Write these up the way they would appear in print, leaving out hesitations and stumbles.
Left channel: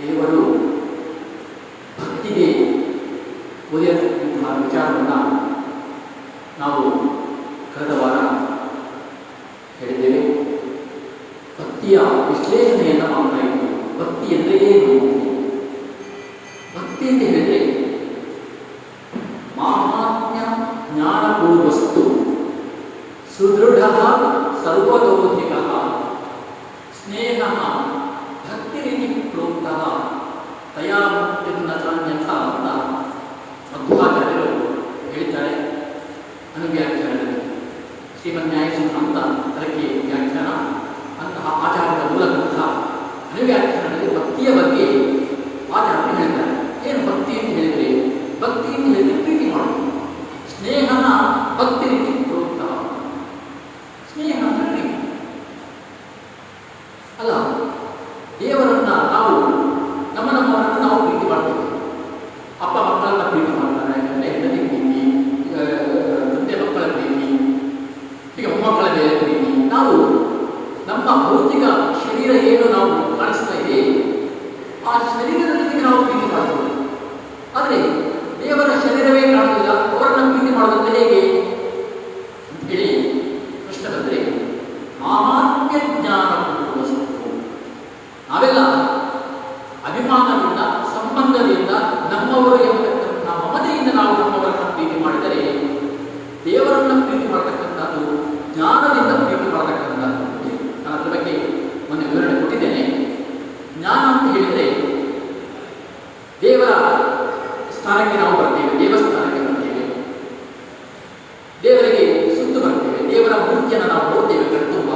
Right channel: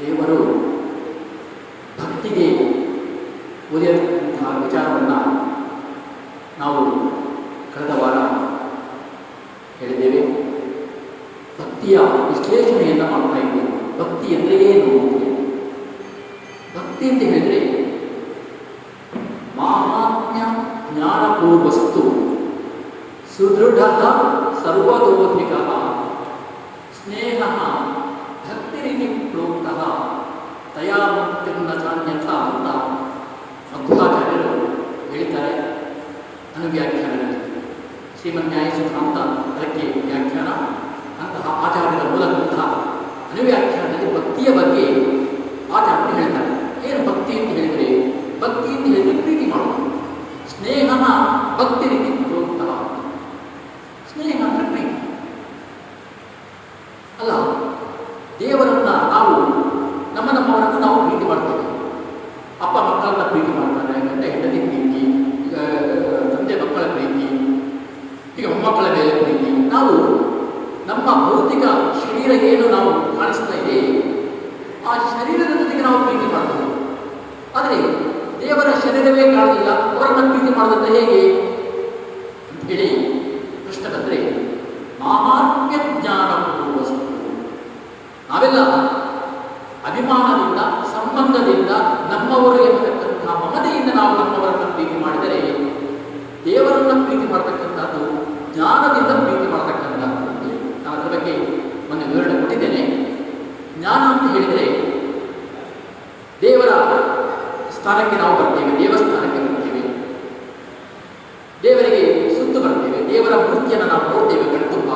ದೇವರು ಭಕ್ತಿಗೆ ಉದಯಿಸುವಂತಹ ವಿಚಾರವನ್ನು ನಾವು ಕಳೆದ ವಾರ ಹೇಳಿದ್ದೇವೆ. ಭಕ್ತಿಯ ವಿಶ್ಲೇಷಣೆಯನ್ನು ಮಾಡ್ತಾ ಇದ್ದೇವೆ. ಭಕ್ತಿ ಎಂದರೆ ಏನು? ಭಕ್ತಿ ಅಂತ ಹೇಳಿದರೆ ಮಾಹಾತ್ಮ್ಯ ಜ್ಞಾನಪೂರ್ವಸ್ತು ಸುದೃಢ ಸರ್ವತೋಧಿಕ ಸ್ನೇಹ ಭಕ್ತಿರಿತಿ ಪ್ರೋಕ್ತಃ ತಯಾ ಮುಕ್ತಿರ್ನನ್ಯಥ ಅಂತ ಮಧ್ವಾಚಾರ್ಯರು ಹೇಳ್ತಾರೆ. ಅನುವ್ಯಾಖ್ಯಾನದಲ್ಲಿ ಶ್ರೀಮನ್ಯಾಯಸೂತ್ರ ಅಂತ ಅದಕ್ಕೆ ವ್ಯಾಖ್ಯಾನ. ಅಂತಹ ಆಚಾರ್ಯರ ಮೂಲ ಗ್ರಂಥ ಅನುವ್ಯಾಖ್ಯಾನದಲ್ಲಿ ಭಕ್ತಿಯ ಬಗ್ಗೆ ಆಚಾರ್ಯರು ಹೇಳ್ತಾರೆ. ಏನು ಭಕ್ತಿ ಅಂತ ಹೇಳಿದರೆ, ಭಕ್ತಿ ಅಂತ ಹೇಳಿದರೆ ಪ್ರೀತಿ ಮಾಡೋದು. ಸ್ನೇಹ ಭಕ್ತಿ ರೀತಿ ಪ್ರೋಕ್ತಃ. ಸ್ನೇಹ ಅಂದರೆ ಪ್ರೀತಿ ಅಲ್ಲ. ದೇವರನ್ನ ನಾವು ನಮ್ಮವರನ್ನು ನಾವು ಪ್ರೀತಿ ಮಾಡ್ತೇವೆ. ಅಪ್ಪ ಮಕ್ಕಳನ್ನ ಪ್ರೀತಿ ಮಾಡ್ತಾರೆ, ಗಂಡ ಹೆಂಡತಿ ಪ್ರೀತಿ, ತಂದೆ ಮಕ್ಕಳ ಪ್ರೀತಿ, ಈಗ ಮೊಮ್ಮಕ್ಕಳ ಮೇಲೆ ಪ್ರೀತಿ. ನಾವು ನಮ್ಮ ಭೌತಿಕ ಶರೀರ ಏನು ನಾವು ಕಾಣಿಸ್ತಾ ಇದೆ, ಆ ಶರೀರದ ಜೊತೆಗೆ ನಾವು ಪ್ರೀತಿ ಮಾಡ್ತೇವೆ. ಆದರೆ ದೇವರ ಶರೀರವೇ ಕಾಣಲಿಲ್ಲ, ಅವರನ್ನು ಪ್ರೀತಿ ಮಾಡೋದಂದ್ರೆ ಹೇಗೆ ಹೇಳಿ ಪ್ರಶ್ನೆ ಬಂದರೆ, ಮಾಹಾತ್ಮ್ಯ ಜ್ಞಾನಪೂರ್ವಸ್ತು. ನಾವೆಲ್ಲ ಅಭಿಮಾನದಿಂದ, ಸಂಬಂಧದಿಂದ, ನಮ್ಮವರು ಎಂಬತಕ್ಕಂಥ ಮಮತೆಯಿಂದ ನಾವು ನಮ್ಮವರನ್ನು ಪ್ರೀತಿ ಮಾಡಿದರೆ, ದೇವರನ್ನು ಪ್ರೀತಿ ಮಾಡತಕ್ಕಂಥದ್ದು ಜ್ಞಾನದಿಂದ ಪ್ರೀತಿ ಮಾಡತಕ್ಕಂಥದ್ದು. ನಾನು ಅದರ ಬಗ್ಗೆ ಮೊನ್ನೆ ವಿವರಣೆ ಕೊಟ್ಟಿದ್ದೇನೆ. ಜ್ಞಾನ ಅಂತ ಹೇಳಿದರೆ ದೇವರ ಸ್ಥಾನಕ್ಕೆ ನಾವು ಬರ್ತೇವೆ, ದೇವಸ್ಥಾನಕ್ಕೆ ಬರ್ತೇವೆ, ದೇವರಿಗೆ ಸುತ್ತು ಬರ್ತೇವೆ, ದೇವರ ಮೂರ್ತಿಯನ್ನು ನಾವು ನೋಡ್ತೇವೆ ಕಣ್ತುಂಬ.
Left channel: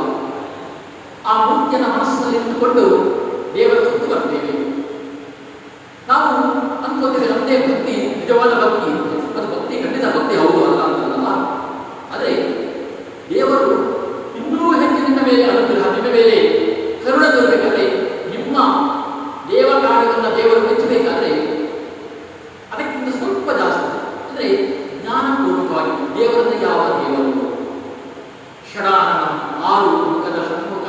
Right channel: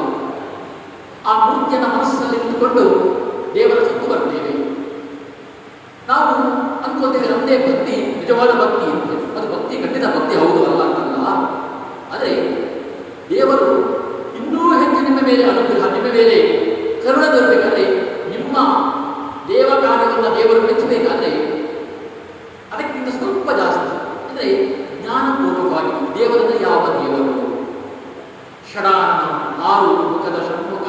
ಆ ಮೂರ್ತಿಯನ್ನು ಮನಸ್ಸಿನಲ್ಲಿ ಇಟ್ಟುಕೊಂಡು ದೇವರ ಸುತ್ತು ಬರ್ತೇವೆ. ನಾವು ಅಂದ್ಕೋತೇವೆ ನಮ್ಮದೇ ಭಕ್ತಿ ನಿಜವಾದ ಭಕ್ತಿ ಅಂತ. ಅದು ಭಕ್ತಿ ಖಂಡಿತ ಭಕ್ತಿ ಹೌದು ಅಲ್ಲ ಅಂತಲ್ಲ. ಆದರೆ ದೇವರು ಇನ್ನೂ ಹೆಚ್ಚು ನಿಮ್ಮ ಮೇಲೆ ಅನುಗ್ರಹ, ನಿಮ್ಮ ಮೇಲೆ ಕರುಣೆ ತೋರಬೇಕಾದ್ರೆ, ನಿಮ್ಮ ದೇವ ಕಾರ್ಯವನ್ನು ದೇವರು ಮೆಚ್ಚಬೇಕಾದ್ರೆ ಅದಕ್ಕಿಂತ ಸ್ವಲ್ಪ ಜಾಸ್ತಿ ಅಂದರೆ ಜ್ಞಾನಪೂರ್ವಕವಾಗಿ ದೇವರನ್ನು ಯಾವ ದೇವರು ಷಡಾನನ 6 ಮುಖದ ಷಣ್ಮುಖ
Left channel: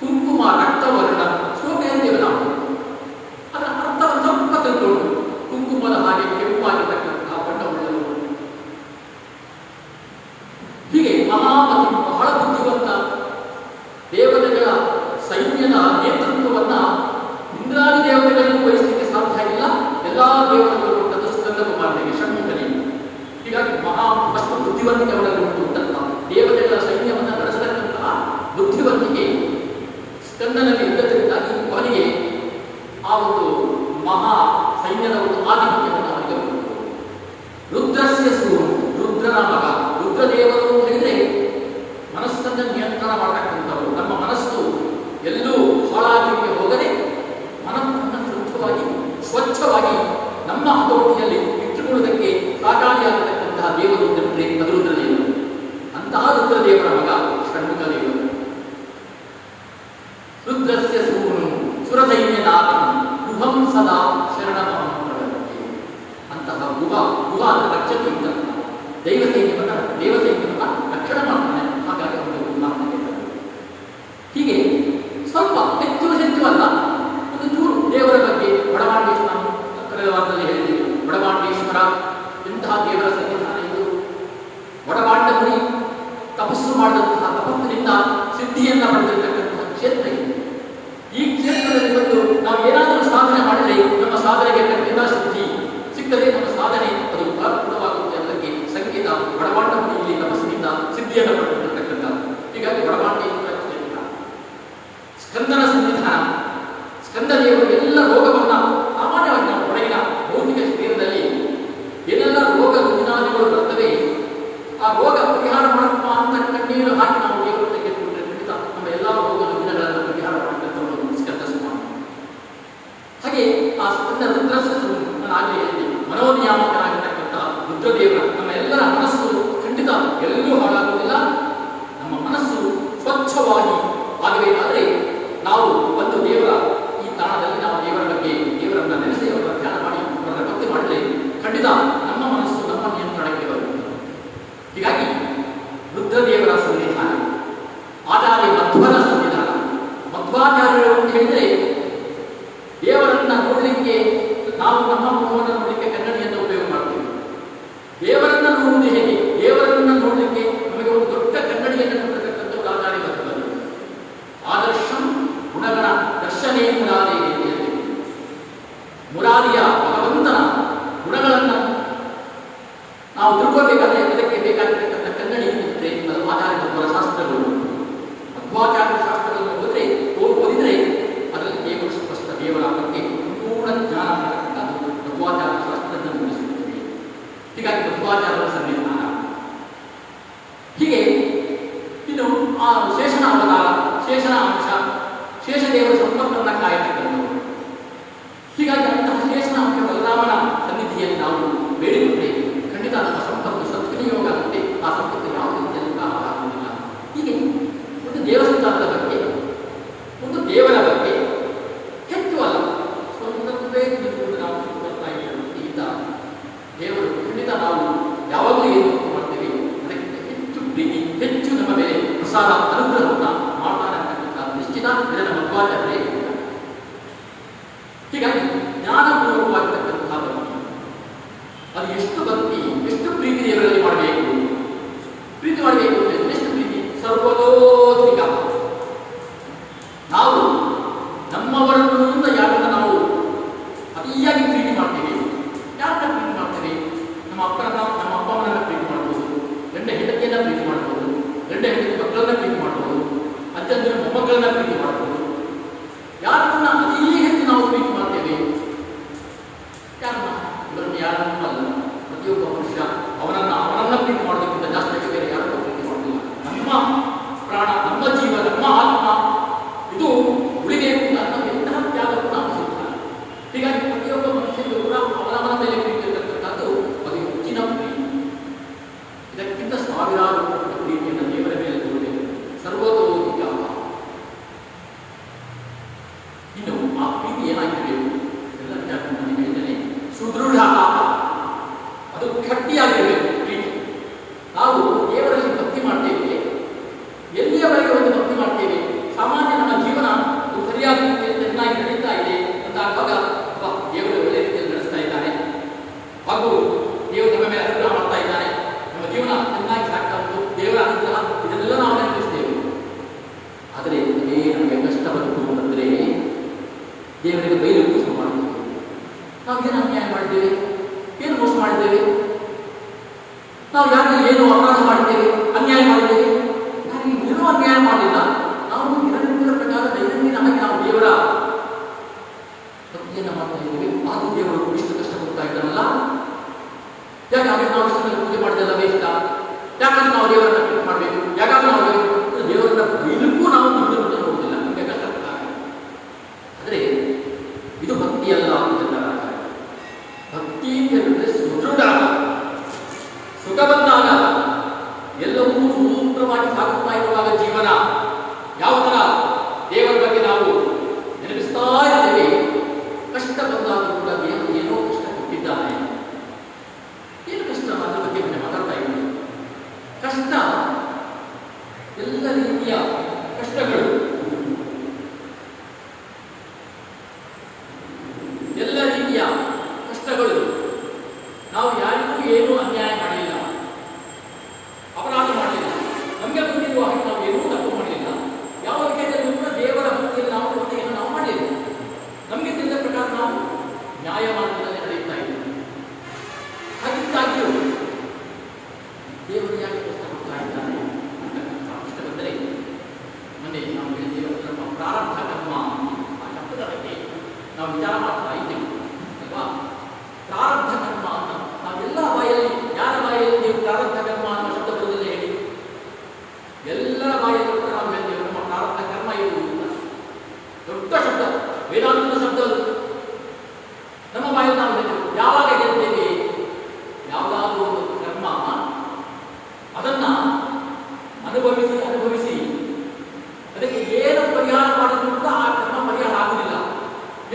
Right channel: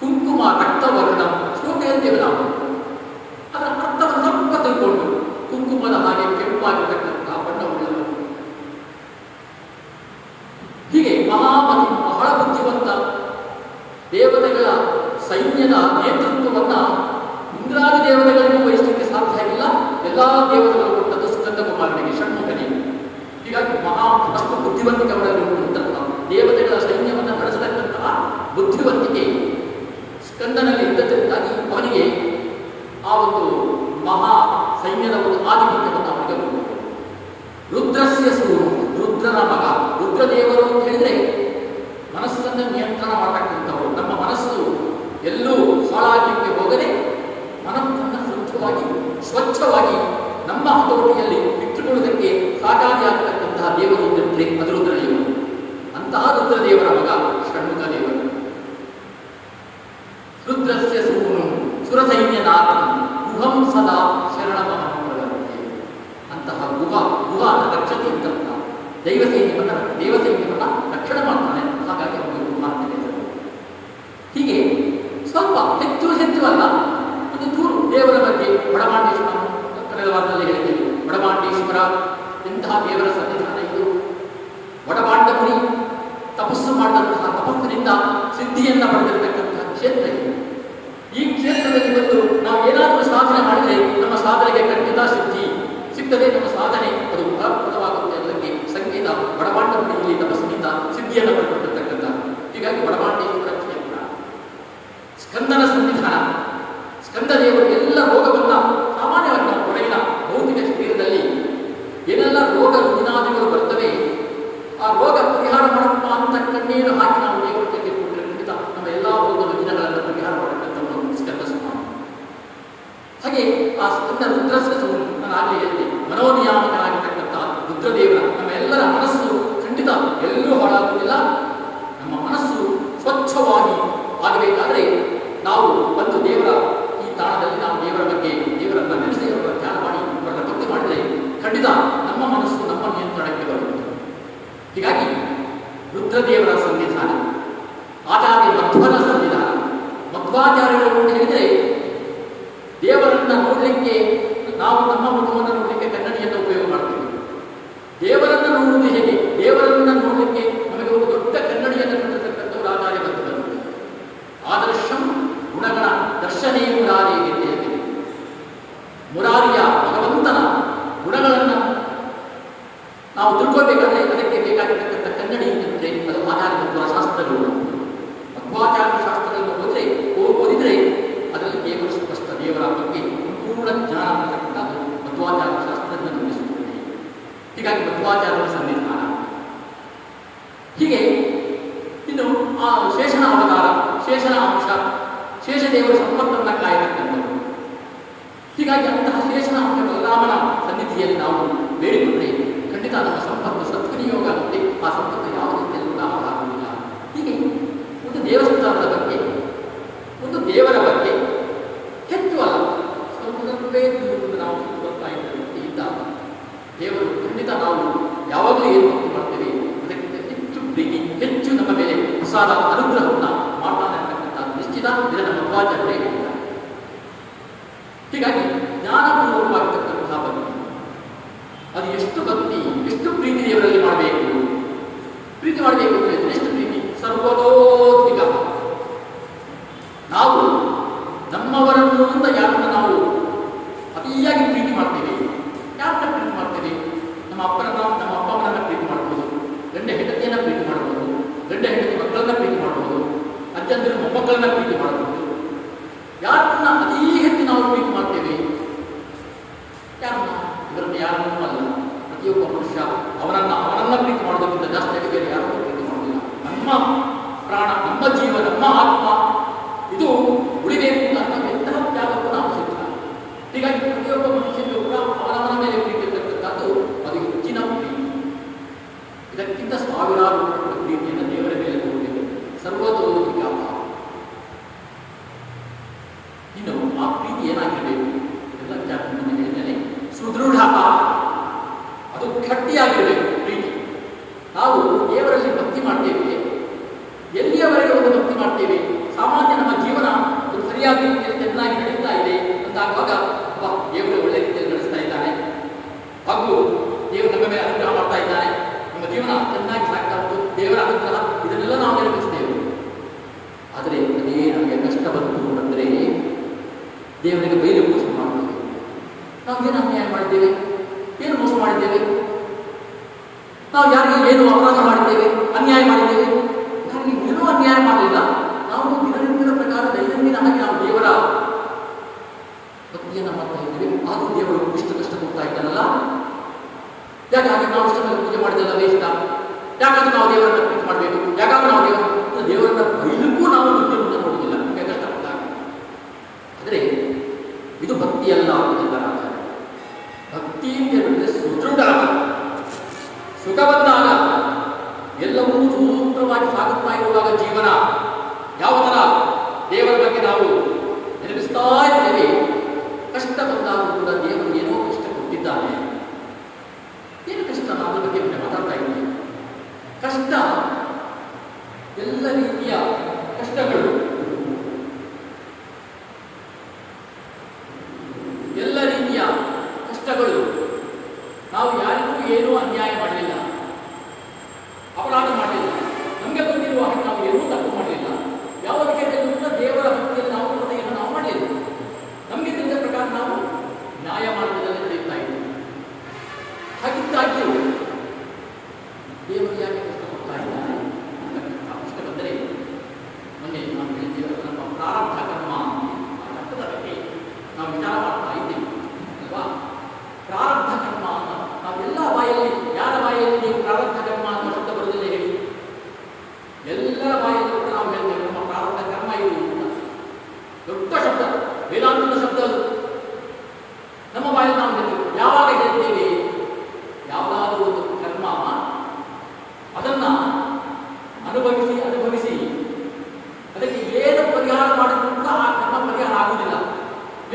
ಕುಂಕುಮ ರಕ್ತವರ್ಣ ಶೋಕ ಅಂತೇವೆ ನಾವು. ಅದರ ಅರ್ಥವನ್ನು ಸ್ವಲ್ಪ ತಿಳ್ಕೊಂಡು, ಕುಂಕುಮದ ಹಾಗೆ ಕೆಂಪಾಗಿರ್ತಕ್ಕಂತಹ ಬಣ್ಣವುಳ್ಳದು. ಹೀಗೆ ಮಹಾಮತಿ, ಬಹಳ ಬುದ್ಧಿವಂತ, ದೇವತೆಗಳ ಸೈನ್ಯದ ನೇತೃತ್ವವನ್ನು ಇಂದ್ರಾದಿ ದೇವತೆಗಳಿಗೂ ವಹಿಸಲಿಕ್ಕೆ ಸಾಧ್ಯ ಇಲ್ಲ. ಎಲ್ಲ ದೇವತೆಗಳು ಕೊಟ್ಟದ್ದು ಸ್ಕಂದ ಕುಮಾರನಿಗೆ, ಷಣ್ಮುಖನಿಗೆ. ಹೀಗಾಗಿ ಅಷ್ಟು ಬುದ್ಧಿವಂತಿಕೆ ಒಳಗಿರುವಂತಹ ದೇವತೆಗಳ ಸೈನ್ಯವನ್ನು ನಡೆಸತಕ್ಕಂತಹ ಬುದ್ಧಿವಂತಿಕೆ ಸ್ಕಂದನಲ್ಲಿ ಇದ್ದದರಿಂದಾಗಿ ಅವನಿಗೆ ಆ ಒಂದು ಮಹಾ ಸೈನ್ಯದ ಒಂದು ಆಧಿಪತ್ಯವನ್ನು ಅವನಿಗೆ ಬರುತ್ತದೆ. ರುದ್ರಸ್ಯ ಸೂರು, ರುದ್ರನ ಮಗ. ರುದ್ರದೇವರು ಅಂತ ಹೇಳಿದರೆ ಮನಸ್ಸನ್ನು ನಿಯಂತ್ರಣ ಮಾಡತಕ್ಕಂಥವರು. ನಮ್ಮ ಮನಸ್ಸು ಎಲ್ಲೂ ಹಾಳಾಗಲಿಕ್ಕೆ ಹೋಗದೆ ಮನಸ್ಸನ್ನು ಶುದ್ಧವಾಗಿ, ಸ್ವಚ್ಛವಾಗಿ ನಮ್ಮ ಹತೋಟಿಯಲ್ಲಿ ಇಟ್ಟುಕೊಳ್ಳುವುದಕ್ಕೆ ಸಾಕಾರಿಯಾಗತಕ್ಕಂತಹ ದೇವರು ಅಂದರೆ ಅದು ರುದ್ರದೇವರು. ಅಂತಹ ರುದ್ರದೇವರ ಮಗ ಷಣ್ಮುಖ ದೇವರು. ರುದ್ರಸ್ಯ ಸೂನು ಸುರಸೈನ್ಯನಾಥಂ ಗುಹಂ ಸದಾ ಶರಣಮಹಂ. ಅಂತಹ ಗುಹ ರಕ್ಷತೆ ಇದ್ದಂತಹ ಹೀಗೆ ಆ ಸ್ಕಂದ ರುದ್ರಸ್ಸು ನಾನು ಆಗಲೇ ಹೇಳಿದೆ, ಮನೋನಿಯಾಮಕನಾಗಿರ್ತಕ್ಕಂತಹ ರುದ್ರದೇವರ ನಮ್ಮ ಎಲ್ಲರ ಮನಸ್ಸು ಖಂಡಿತ ಎಲ್ಲೂ ಹಾಳಾಗುವುದಿಲ್ಲ. ನಮ್ಮ ಮನಸ್ಸು ಸ್ವಚ್ಛವಾಗಿ ಆಗಬೇಕಾದರೆ ನಾವು ಒಂದು ದೇವರ ಈ ತಾಣದಲ್ಲಿ ನಾವು ದೇವರ ಬಗ್ಗೆ ದೇವರನ್ನ ನೆನೆಸಿ ಅವರ ಧ್ಯಾನ ಮಾಡಿ ಅವರ ಭಕ್ತಿ ಮಾಡಿದರೆ ಖಂಡಿತ ನಮ್ಮ ಮನಸ್ಸು ನಮ್ಮ ನಿಯಂತ್ರಣಕ್ಕೆ ಬರುತ್ತೆ. ಹೀಗಾಗಿ ರುದ್ರದೇವರ ಸನ್ನಿಧಾನ, ಆಚಾರ್ಯ ಮಧ್ವರ ಸನ್ನಿಧಾನ. ಮಧ್ವಾಚಾರ್ಯರು ಅಂತ ಹೇಳಿದರೆ ದೇವರನ್ನ ನೋಡಲಿಕ್ಕೆ ನಾವು ನಮ್ಮ ಮುಖವನ್ನು ನೋಡಲಿಕ್ಕೆ ಕನ್ನಡಿಯನ್ನು ಉಪಯೋಗ ಮಾಡ್ತೀವಿ. ದೇವರನ್ನ ನೋಡುವುದು ಹೇಗೆ? ದೇವರನ್ನ ನೋಡಲಿಕ್ಕೆ ನಮಗೆ ಒಂದು ದೊಡ್ಡ ಕನ್ನಡಿಯನ್ನು ಕೊಟ್ಟಿರತಕ್ಕಂಥದ್ದು ಆಚಾರ್ಯ ಮಧ್ವರು. ಆದರ್ಶಂ ಗುಣಗಣ ದರ್ಶನೇ ಮುರಾರಿ ಅಂತ ಹೇಳ್ತೀವಿ. ಮುರಾರಿಯ ಭಗವಂತನ ಗುಣಗಳನ್ನು ನಾವು ತಿಳ್ಕೊಳ್ಬೇಕಾದ್ರೆ ಅದಕ್ಕೆ ಬೇಕಾಗಿರ್ತಕ್ಕಂಥ ಕನ್ನಡಿ ಏನಿದ್ರೆ ಅದು ಆಚಾರ್ಯ ಮಧ್ವರ ಶಾಸ್ತ್ರಗಳು. ಮಧ್ವಾಚಾರ್ಯ ಶಾಸ್ತ್ರಗಳನ್ನು ಓದಿದರೆ ಅದರಲ್ಲಿ ದೇವರ ಸ್ಪಷ್ಟ ದೇವರ ಬಗ್ಗೆ ಸಂಪೂರ್ಣ ಜ್ಞಾನ ಬರತಕ್ಕಂಥದ್ದು ಮಧ್ವಾಚಾರ್ಯ ಶಾಸ್ತ್ರವನ್ನು ನಿರ್ಮಿಸುತ್ತದೆ. ಹೀಗಾಗಿ ಮಧ್ವಾಚಾರ್ಯರ ಸನ್ನಿಧಾನ. ಹೀಗೆ ಇನ್ನು ಆ ಶೇಷನ ಅವತಾರ, ಶೇಷನ ಅಂಶ, ಶೇಷದೇವರ ಸಂಪರ್ಕವನ್ನು ಕಾಯತಕ್ಕಂಥದ್ದು. ಹೀಗಾಗಿ ಅಂತಹ ಶೇಷನ ಅಂಶ ಬಲರಾಮನ ಸನ್ನಿಧಿಯಲ್ಲಿ ನಾವು ಬೇಡಿಕೊಂಡ್ರೆ ಖಂಡಿತ ಅದರ ಸಂಪತ್ತು ಸದ್ವಿನಿಯೋಗ ಆಗುತ್ತೆ. ಆ ಸಂಪತ್ತು ಯಾವ ರೀತಿಯಲ್ಲೂ ಆಗುವುದಿಲ್ಲ. ಹೀಗೆ ಒಂದು ದೇವಸ್ಥಾನದ ಬಗ್ಗೆ, ಒಂದು ದೇವರ ಬಗ್ಗೆ ಹೆಚ್ಚು ಅಲ್ಲ, ಸ್ವಲ್ಪವೇ ತಿಳಿದುಕೊಂಡು ನಾವು ಬರ್ತಾ ಇದ್ದ ದೇವರು ಖಂಡಿತ ನಾವು ಯಾವಾಗಲೂ ಏನು ಮಾಡ್ತೇವೆ ಅದಕ್ಕಿಂತ ಹೆಚ್ಚು ಪ್ರೀತಿ, ಹೆಚ್ಚು ನಮ್ಮ ಮೇಲೆ ಪ್ರಸಾದ ಅನುಗ್ರಹವನ್ನು ಮಾಡ್ತಾನೆ ಅಂತಕ್ಕಂಥ ನಿಶ್ಚಿತ ಇದನ್ನು ಮಧ್ವಾಚಾರ್ಯರೇ. ಹೀಗಾಗಿ ಜ್ಞಾನಪೂರ್ವಕವಾಗಿರ್ತಕ್ಕಂತಹ ಭಕ್ತಿ, ಅದು ಎಷ್ಟು ಭಕ್ತಿ, ಎಷ್ಟು ಪ್ರೀತಿ ದೇವರಲ್ಲಿ ಮಾಡಬೇಕು. ಪ್ರೀತಿ ಮಾಡಬೇಕು ಅಂದರೆ ಎಷ್ಟು ಪ್ರೀತಿ? ಸರ್ವತೋಧಿಕ. ನಾವು ನಮ್ಮವರನ್ನು ಯಾರನ್ನ ನಾವು ಅತಿಯಾಗಿ ಪ್ರೀತಿ ಮಾಡ್ತೇವೆ. ಯಾರನ್ನ ಪ್ರೀತಿ ಮಾಡ್ತೇವೆ? ನಮ್ಮ ಅಪ್ಪನನ್ನ, ನಮ್ಮ ಅಪ್ಪ ಅಮ್ಮನನ್ನ ಪ್ರೀತಿ ಮಾಡ್ಬೋದು, ಗಂಡ ಹೆಂಡತಿಯನ್ನ ಪ್ರೀತಿ ಮಾಡ್ಬೋದು, ಗಂಡ ಹೆಂಡತಿ ಮಕ್ಕಳನ್ನ ಪ್ರೀತಿ ಮಾಡ್ಬೋದು, ಅಜ್ಜಂದಿರ ಮೊಮ್ಮಕ್ಕಳನ್ನ ಪ್ರೀತಿ ಮಾಡ್ಬೋದು. ಯಾರನ್ನ ಅತೀ ಹೆಚ್ಚು ನಾವು ಪ್ರೀತಿ ಮಾಡ್ತೇವೆ? ಯಾರನ್ನ? ಇವರನ್ನು ಯಾರನ್ನೂ ಅಲ್ಲ. ಪ್ರತಿಯೊಬ್ಬ ಮನುಷ್ಯ ಅವನನ್ನ ಪ್ರೀತಿ ಮಾಡೋದಕ್ಕಿಂತ ಜಾಸ್ತಿ ಬೇರೆ ಯಾರನ್ನು ಪ್ರೀತಿ ಮಾಡೋದಿಲ್ಲ. ನಮ್ಮ ಪ್ರಾಣ, ನಮ್ಮ ಜೀವ, ನಮ್ಮ ಆತ್ಮ ಇದು ಉಳಿಬೇಕು ಅಂತ ಎಂತಹ ತ್ಯಾಗಕ್ಕೂ ನಾವು ಸಿದ್ಧ. ಹೀಗಾಗಿ ಪ್ರತಿಯೊಬ್ಬ ಮನುಷ್ಯನಿಗೂ ಕೂಡ ಅವನವನ ಮೇಲೆ ಪ್ರೀತಿ ಇರತಕ್ಕಂಥದ್ದು ಅದು ಹೆಚ್ಚಿನ ಪ್ರೀತಿ. ಇದಕ್ಕಿಂತ ಸಾವಿರಾರು ಪ್ರೀತಿಯನ್ನು ದೇವರ ಮೇಲೆ ತೋರಬೇಕು. ಸರ್ವತೋಧಿಕ. ಇನ್ನು ಆ ಪ್ರೀತಿ ಏನಾಗಿರಬೇಕು? ಎಲ್ಲ ಜಾಗೃತಿ ಹೇಳಿದ್ದೇನೆ. ಸುದೃಢ, ಅದು ಗಟ್ಟಿಯಾಗಿರಬೇಕು ಪ್ರೀತಿ. ನಾವು ದೇವರಲ್ಲಿ ಭಕ್ತಿ ಮಾಡ್ತೇವೆ, ಎಲ್ಲಿಯವರೆಗೆ ಒಂದು ಭಕ್ತಿ ಮಾಡ್ತೇವೆ? ಸಾಮಾನ್ಯ ನಮ್ಮ ಜೀವನ ಅದು ಸರಿಯಾದ ರೀತಿಯಲ್ಲಿ ಚೆನ್ನಾಗಿ ನಡೀತಾ ಇದೆ ಅಂತಾಗುವಾಗ ದೇವರು ಒಳ್ಳೆ ರೀತಿಯಲ್ಲಿ ನಡೆಸ್ತಾ ಇದ್ದಾನೆ, ಹಾಗೂ ದೇವರು ನಮ್ಮ ಮೇಲೆ ಅನುಗ್ರಹ ಮಾಡ್ತಾ ಇದ್ದಾನೆ, ನಮ್ಮ ಜೀವನ ಚೆನ್ನಾಗಿ ಸಾಗ್ತಾ ಉಂಟು, ದೇವರ ಅನುಗ್ರಹ, ಇದನ್ನೆಲ್ಲ ನಾವು ನೆನಪಿಸ್ತೇವೆ. ಆದರೆ ಅದೇ ನಮಗೆ ಕಷ್ಟ ಬಂತು ಅಂದರೆ ದೇವರಿಗೆ ಬೈಲು ಮೋಸ ಮಾಡ್ತೇವೆ. ನಾವು ಏನು ಅನ್ಯಾಯ ಮಾಡಿದ್ದೇವೆ? ಏನು ಮೋಸ ಮಾಡಿದ್ದೇವೆ? ನಾವು ಯಾರಿಗೆ ಏನು ಅಪರಾಧ ಮಾಡಿದ್ದೇವೆ, ಅನ್ಯಾಯ ಮಾಡಿದ್ದೇವೆ? ನಾವು ಏನೂ ಅನ್ಯಾಯ ಮಾಡಲಿಲ್ಲ. ನಾವು ದಿನನಿತ್ಯದ ಪ್ರಕಾರ ದೈನಂದಿನ ಹಾಗೆ ನಾವು ದೇವರ ಭಕ್ತಿಯನ್ನು ಮಾಡ್ತಾ ಇದ್ದೇವೆ. ಆದರೂ ದೇವರು ಇಷ್ಟು ಕಷ್ಟ ಕೊಡ್ತಾ ಇದ್ದಾನಲ್ಲ, ಯಾಕಾಗಿ ನಾವು ಇಷ್ಟನ್ನು ಪೂಜೆ ಮಾಡಿದೆಲ್ಲ ವೇಷ್ಟ? ಯಾಕಂದ್ರೆ ನಾವು ದೇವರನ್ನ ಪ್ರೀತಿ ಮಾಡಬೇಕು? ಯಾಕಂದ್ರೆ ನಾವು ದೇವರನ್ನ ಬೈಲಿಕ್ಕೂ ನಾವು ದುಡ್ಡು ನೋಡುವುದಿಲ್ಲ. ಆದರೆ ಇದು ಭಕ್ತಿ ಅಲ್ಲ. ಭಕ್ತಿ ಅಂತ ಸುದೃಢ, ಸುಖ ಬಂದಾಗ ಎಲ್ಲವೂ ಸೂತ್ರವಾಗಿ ಸಾಗುತ್ತಾ ಇರುವಾಗ ಜೀವನ ಯಾವ ಥರ ದೇವರ ಬಗ್ಗೆ ನಾವು ನೆನಪಿಸ್ತಾ ಇದ್ದೇವೆ. ಕಷ್ಟ ಬಂದಾಗ ಕೂಡ ದೇವರು ಏನೋ ಕಷ್ಟ ಕೊಟ್ಟಿದ್ದಾನೆ. ಏನು ಕಷ್ಟ? ಅದರ ಬಗ್ಗೆ ಮಾತಾಡ್ತಾ ಇದ್ದೇವೆ. ಕಷ್ಟ, ಎಲ್ಲ ರೀತಿಯ ಕಷ್ಟಗಳು, ಎಲ್ಲ ರೀತಿಯ ಕಷ್ಟಗಳು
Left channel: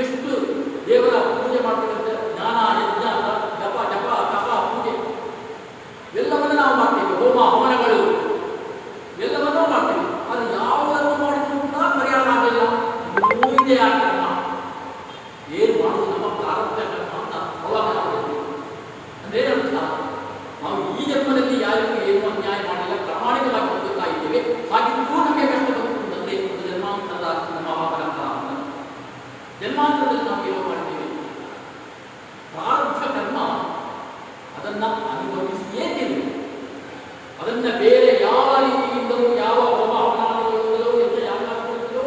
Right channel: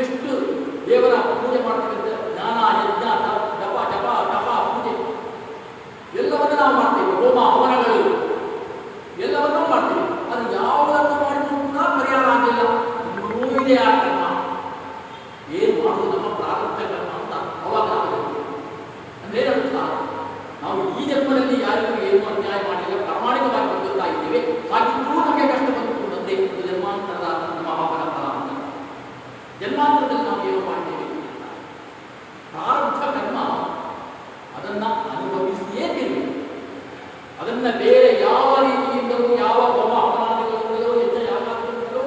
ಎಷ್ಟು ದೇವರ ಪೂಜೆ ಮಾಡ್ತಕ್ಕಂಥ ಜ್ಞಾನ ಯಜ್ಞ ಜಪ ಜಪ ತಪ ಪೂಜೆ ಎಲ್ಲವನ್ನೂ ನಾವು ಮಾಡ್ತೇವೆ. ಹೋಮ ಹವನಗಳು ಎಲ್ಲವನ್ನೂ ಮಾಡ್ತೇವೆ. ಅದು ಯಾವುದನ್ನು ಮಾಡಿದ್ರು ಕೂಡ ಪರಿಹಾರ ಆಗಲಿಲ್ಲ. ಇನ್ನೂ ಇದೆ ಆ ಕರ್ಮ. ಏನು ಮಾಡೋದು? ನಮ್ಮ ಪ್ರಾರಬ್ಧ ಕರ್ಮ ಅಂತ ಅವಾಗ ಅಂದ್ರೆ ಅರ್ಥ, ನಾವು ಈ ಜನ್ಮದಲ್ಲಿ ಯಾರಿಗೂ ಏನು ಅನ್ಯಾಯ ಮಾಡಿಲ್ಲ, ಪ್ರಾಮಾಣಿಕವಾಗಿ ಬದುಕ್ತಾ ಇದ್ದೇವೆ. ಹಾಗಿದ್ರೂ ನಮಗೆ ಕಷ್ಟ ಬಂದೇ ಜನ್ಮಾಂತರದ ನಮ್ಮ ಪರಂಪರ ಅಂತ. ಜನ್ಮಾಂತರದಲ್ಲಿ ನಾವು ಏನು ಮಾಡ್ತೇವೆ? ಪ್ರಾರಬ್ಧ ಕರ್ಮ ಅದನ್ನ ಅನುಭವಿಸಿಯೇ ತೀರಿ. ಅದನ್ನ ಬೇರೆ ಯಾವ ರೀತಿಯಿಂದಲೂ, ಯಾವ ಹೋಮ ಹವನಾದಿಗಳಿಂದಲೂ,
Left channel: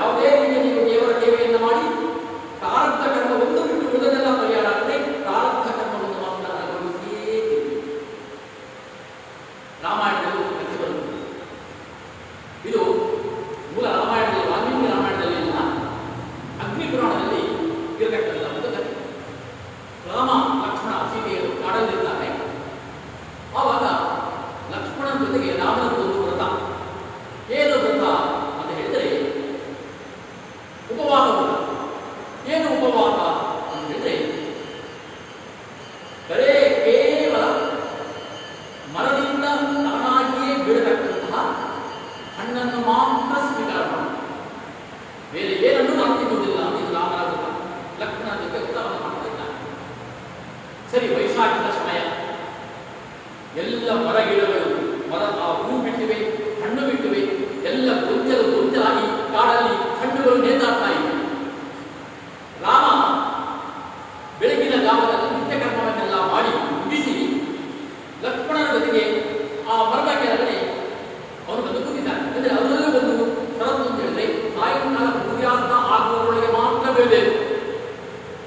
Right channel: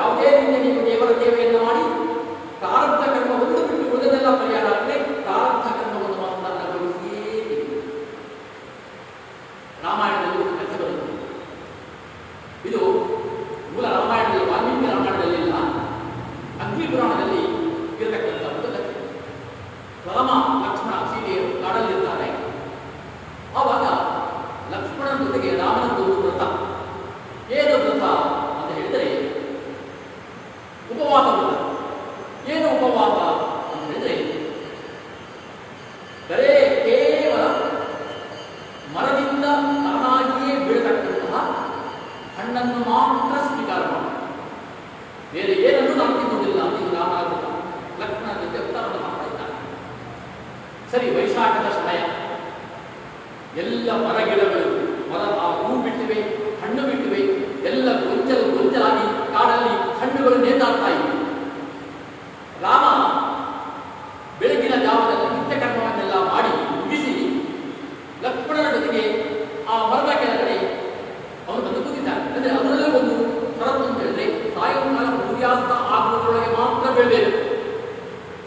ಯಾವುದೇ ರೀತಿಯಲ್ಲಿ ದೇವರ ಸೇವೆಯನ್ನು ಮಾಡಿ ಪ್ರಾರಬ್ಧ ಕರ್ಮ ಒಂದು ಬಿಟ್ಟು ಉಳಿದೆಲ್ಲ ಪರಿಹಾರ ಆದರೆ ಪ್ರಾರಬ್ಧ ಕರ್ಮವನ್ನು ಮಾತ್ರ ಅನುಭವಿಸಿಯೇ ತೀರಿ. ರಾಮಾಯಣದಲ್ಲಿ ಕಥೆ ಬರುತ್ತದೆ. ಇದು ಮೂಲ ರಾಮಾಯಣದಲ್ಲಿ, ವಾಲ್ಮೀಕಿ ರಾಮಾಯಣದಲ್ಲಿ ಇಲ್ಲ, ಅಗ್ನಿ ಪುರಾಣದಲ್ಲಿ ಇರತಕ್ಕಂಥ ಒಂದು ಕಥೆ. ರಾಮ ಲಕ್ಷ್ಮಣ ಸೀತೆಯರು ಕಾಡಲ್ಲಿರ್ತಾರೆ. ಆವಾಗ ಲಕ್ಷ್ಮಣನ ಜೊತೆಗೆ ರಾಮನದ್ದು ಒಂದು ವ್ರತ. ಏನು ವ್ರತ ಅಂತ ಹೇಳಿದರೆ ಉಪವಾಸ ವ್ರತ. ಏನು ಉಪವಾಸ ಅಂತ ಹೇಳಿದರೆ ಕೇವಲ ಮರದಿಂದ ತಾನಾಗಿಯೇ ಬೀಳತಕ್ಕಂತಹ ಹಣ್ಣನ್ನು ಮಾತ್ರ ಸ್ವೀಕಾರ ಮಾಡಿ ಬೇರೆ ಏನನ್ನೂ ನಾವು ತಿನ್ನುವುದಿಲ್ಲ ಅಂತ ಇದು ರಾಮನ ವ್ರತ. ಲಕ್ಷ್ಮಣನ ಜೊತೆ ವ್ರತವನ್ನು ಮಾಡ್ತಾ ಇದ್ದಾರೆ. ಸರಿ, ವೈಶಾಖದ ಸಮಯ, ಎಲ್ಲ ಮರಗಿಡಗಳು ಆ ಹೂ ಬಿಟ್ಟಿವೆ, ಹಣ್ಣು ಬಿಟ್ಟಿವೆ, ಎಲ್ಲ ಗೊಂಚಲಾಗಿ ಕಾಡಲ್ಲಿ ಹಣ್ಣುಗಳು ನೇತಾಡ್ತಾ ಇವೆ. ರಾಮ ಬೆಳಗಿನ ಜಾವದಲ್ಲಿ ನಿತ್ಯ ಕರ್ಮವನ್ನೆಲ್ಲ ಮಾಡಿ ಮುಗಿಸಿ ಲಕ್ಷ್ಮಣನ ಜೊತೆಗೆ ಆ ಮರದ ಕೆಳಗಡೆ ಅವನು ಬಂದು ಕೂತಿದ್ದಾನೆ. ಅಂದರೆ ಅದರಲ್ಲೂ ಒಂದು ಷರತ್ತು ಅಂತ ಹೇಳಿದ್ರೆ, ಸಾಯಂಕಾಲ ಸೂರ್ಯಾಸ್ತ ಆಗುವವರೆಗೆ ಮಾತ್ರ ಬೀಳಬೇಕು.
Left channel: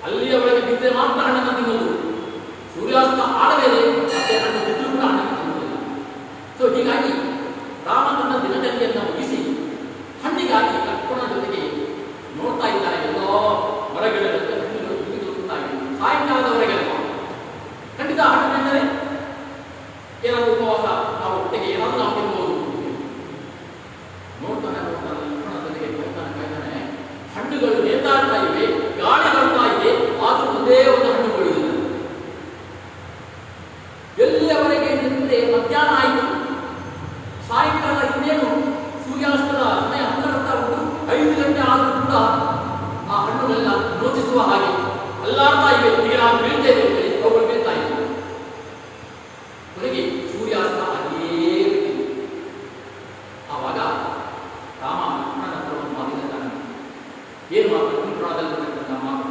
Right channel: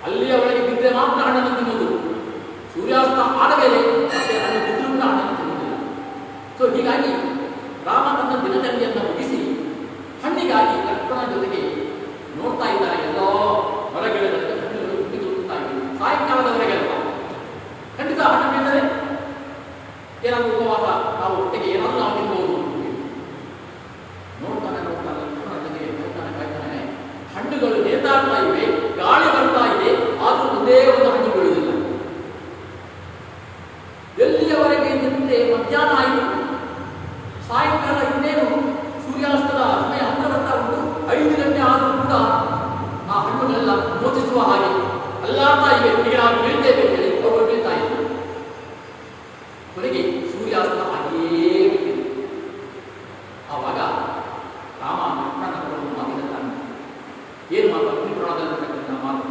ಅಲ್ಲಿಯವರೆಗೆ ಬಿದ್ದರೆ ಮಾತ್ರ ಹಣ್ಣನ್ನು ತಿನ್ನುವುದು. ಸೂರ್ಯಾಸ್ತ ಆದ ಮೇಲೆ ಮತ್ತೆ ಹಣ್ಣು ಬಿದ್ದು ಕೂಡ ಹಣ್ಣನ್ನು ತಿನ್ನುವುದಿಲ್ಲ. ಸೊ ಹೀಗಾಗಿ ರಾಮ ತನ್ನ ದಿನಚರಿಯನ್ನು ಮುಗಿಸಿ ಹಣ್ಣಿಗಾಗಿ ಲಕ್ಷ್ಮಣನ ಜೊತೆಗೆ ನೋಡ್ತಾ ಇದ್ದಾನೆ. ಎಲ್ಲೋ ಹೊರಗಿಡದಲ್ಲಿ ಹಣ್ಣುಗಳು ಬಿದ್ದುತ್ತಾ ಇವೆ. ಸಾಯಂಕಾಲದವರೆಗೆ ಅಲ್ಲ, ಖಂಡಿತ ಹಣ್ಣು ತಿಂದರೆ ಏನಾದರೂ ಉಪವಾಸ ನಾವು ಹೊಟ್ಟೆಗೆ ಏನಾದರೂ ನಾವು ತಿನ್ಬಹುದು. ನೋಡ್ತಾನೆ ಲಕ್ಷ್ಮಣನ ಜೊತೆಗೆ ಕಾಯ್ತಾನೆ. ಹಣ್ಣುಗಳು ನೇತಾಡ್ತಾ ಇವೆ, ಗಾಳಿ ಬರ್ತಾ ಇದೆ, ಆದರೂ ಒಂದೇ ಒಂದು ಹಣ್ಣು ಬೀಳುವುದಿಲ್ಲ. ಎಲ್ಲಿಯವರೆಗೆ ನಿಂತರೆ ಮಧ್ಯಾಹ್ನ ಆಯಿತು, ಸಾಯಂಕಾಲ ಇನ್ನೇನು ಸೂರ್ಯಾಸ್ತದ ಸಮಯ ಹತ್ತಿರ ಬರ್ತಾ ಉಂಟು. 5 ಗಂಟೆ ಆದರೂ ಕೂಡ ಆ ಹಣ್ಣುಗಳೆಲ್ಲ ಯೋಚಿಸುವ ಹಾಗೆ ಅಲ್ಲಾಡ್ತಾ ಇವೆ. ಈಗ ನಾವು ಬೀಳ್ತೇವೆ ಹೇಳಿ ಅವುಗಳು ಬೀಳ್ತಾ ಇವೆ. ಕೊನೆಗೆ ಸೂರ್ಯಾಸ್ತ ಹಾಗೆಯೇ ಬಿಟ್ಟಿದೆ. ಆವಾಗ ರಾಮ ಲಕ್ಷ್ಮಣನ ಮಾತಿನ ಏನು ಮಾತು? ಮಾತು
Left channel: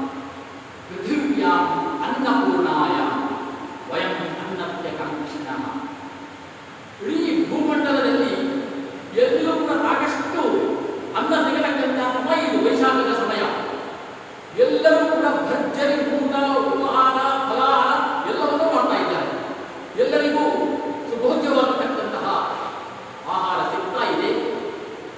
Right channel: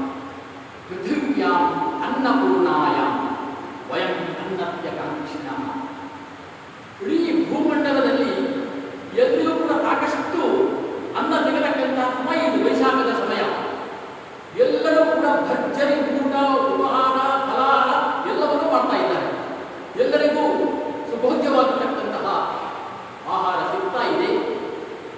ಪೃಥಿವ್ಯಾಂ ಅನ್ನಪೂರ್ಣಾಯ ವಯಂ ಅನ್ನತ್ಯ ಕಾಂಕ್ಷಿಣ. ಇಡೀ ಭೂಮಂಡಲದಲ್ಲಿ ಎಲ್ಲಿಯೂ ಕೂಡ ಸಾಕಷ್ಟು ಅನ್ನ ಸಿಗತಕ್ಕಂಥ ಸಮಯ ಇದು, ವೈಶಾಖದ ಸಮಯ. ಎಲ್ಲರೂ ಕೂಡ ಭರ್ಜರಿ ಊಟ, ಉಪಹಾರ, ಫಲಾಹಾರ ಎಲ್ಲವನ್ನೂ ಮಾಡ್ತಾ ಇದ್ದಾರೆ. ಎಲ್ಲರಿಗೂ ಸುಭೋಗ್ಯವಾಗತಕ್ಕಂತಹ ಆಹಾರ ಸಿಗ್ತಾ ಇದೆ.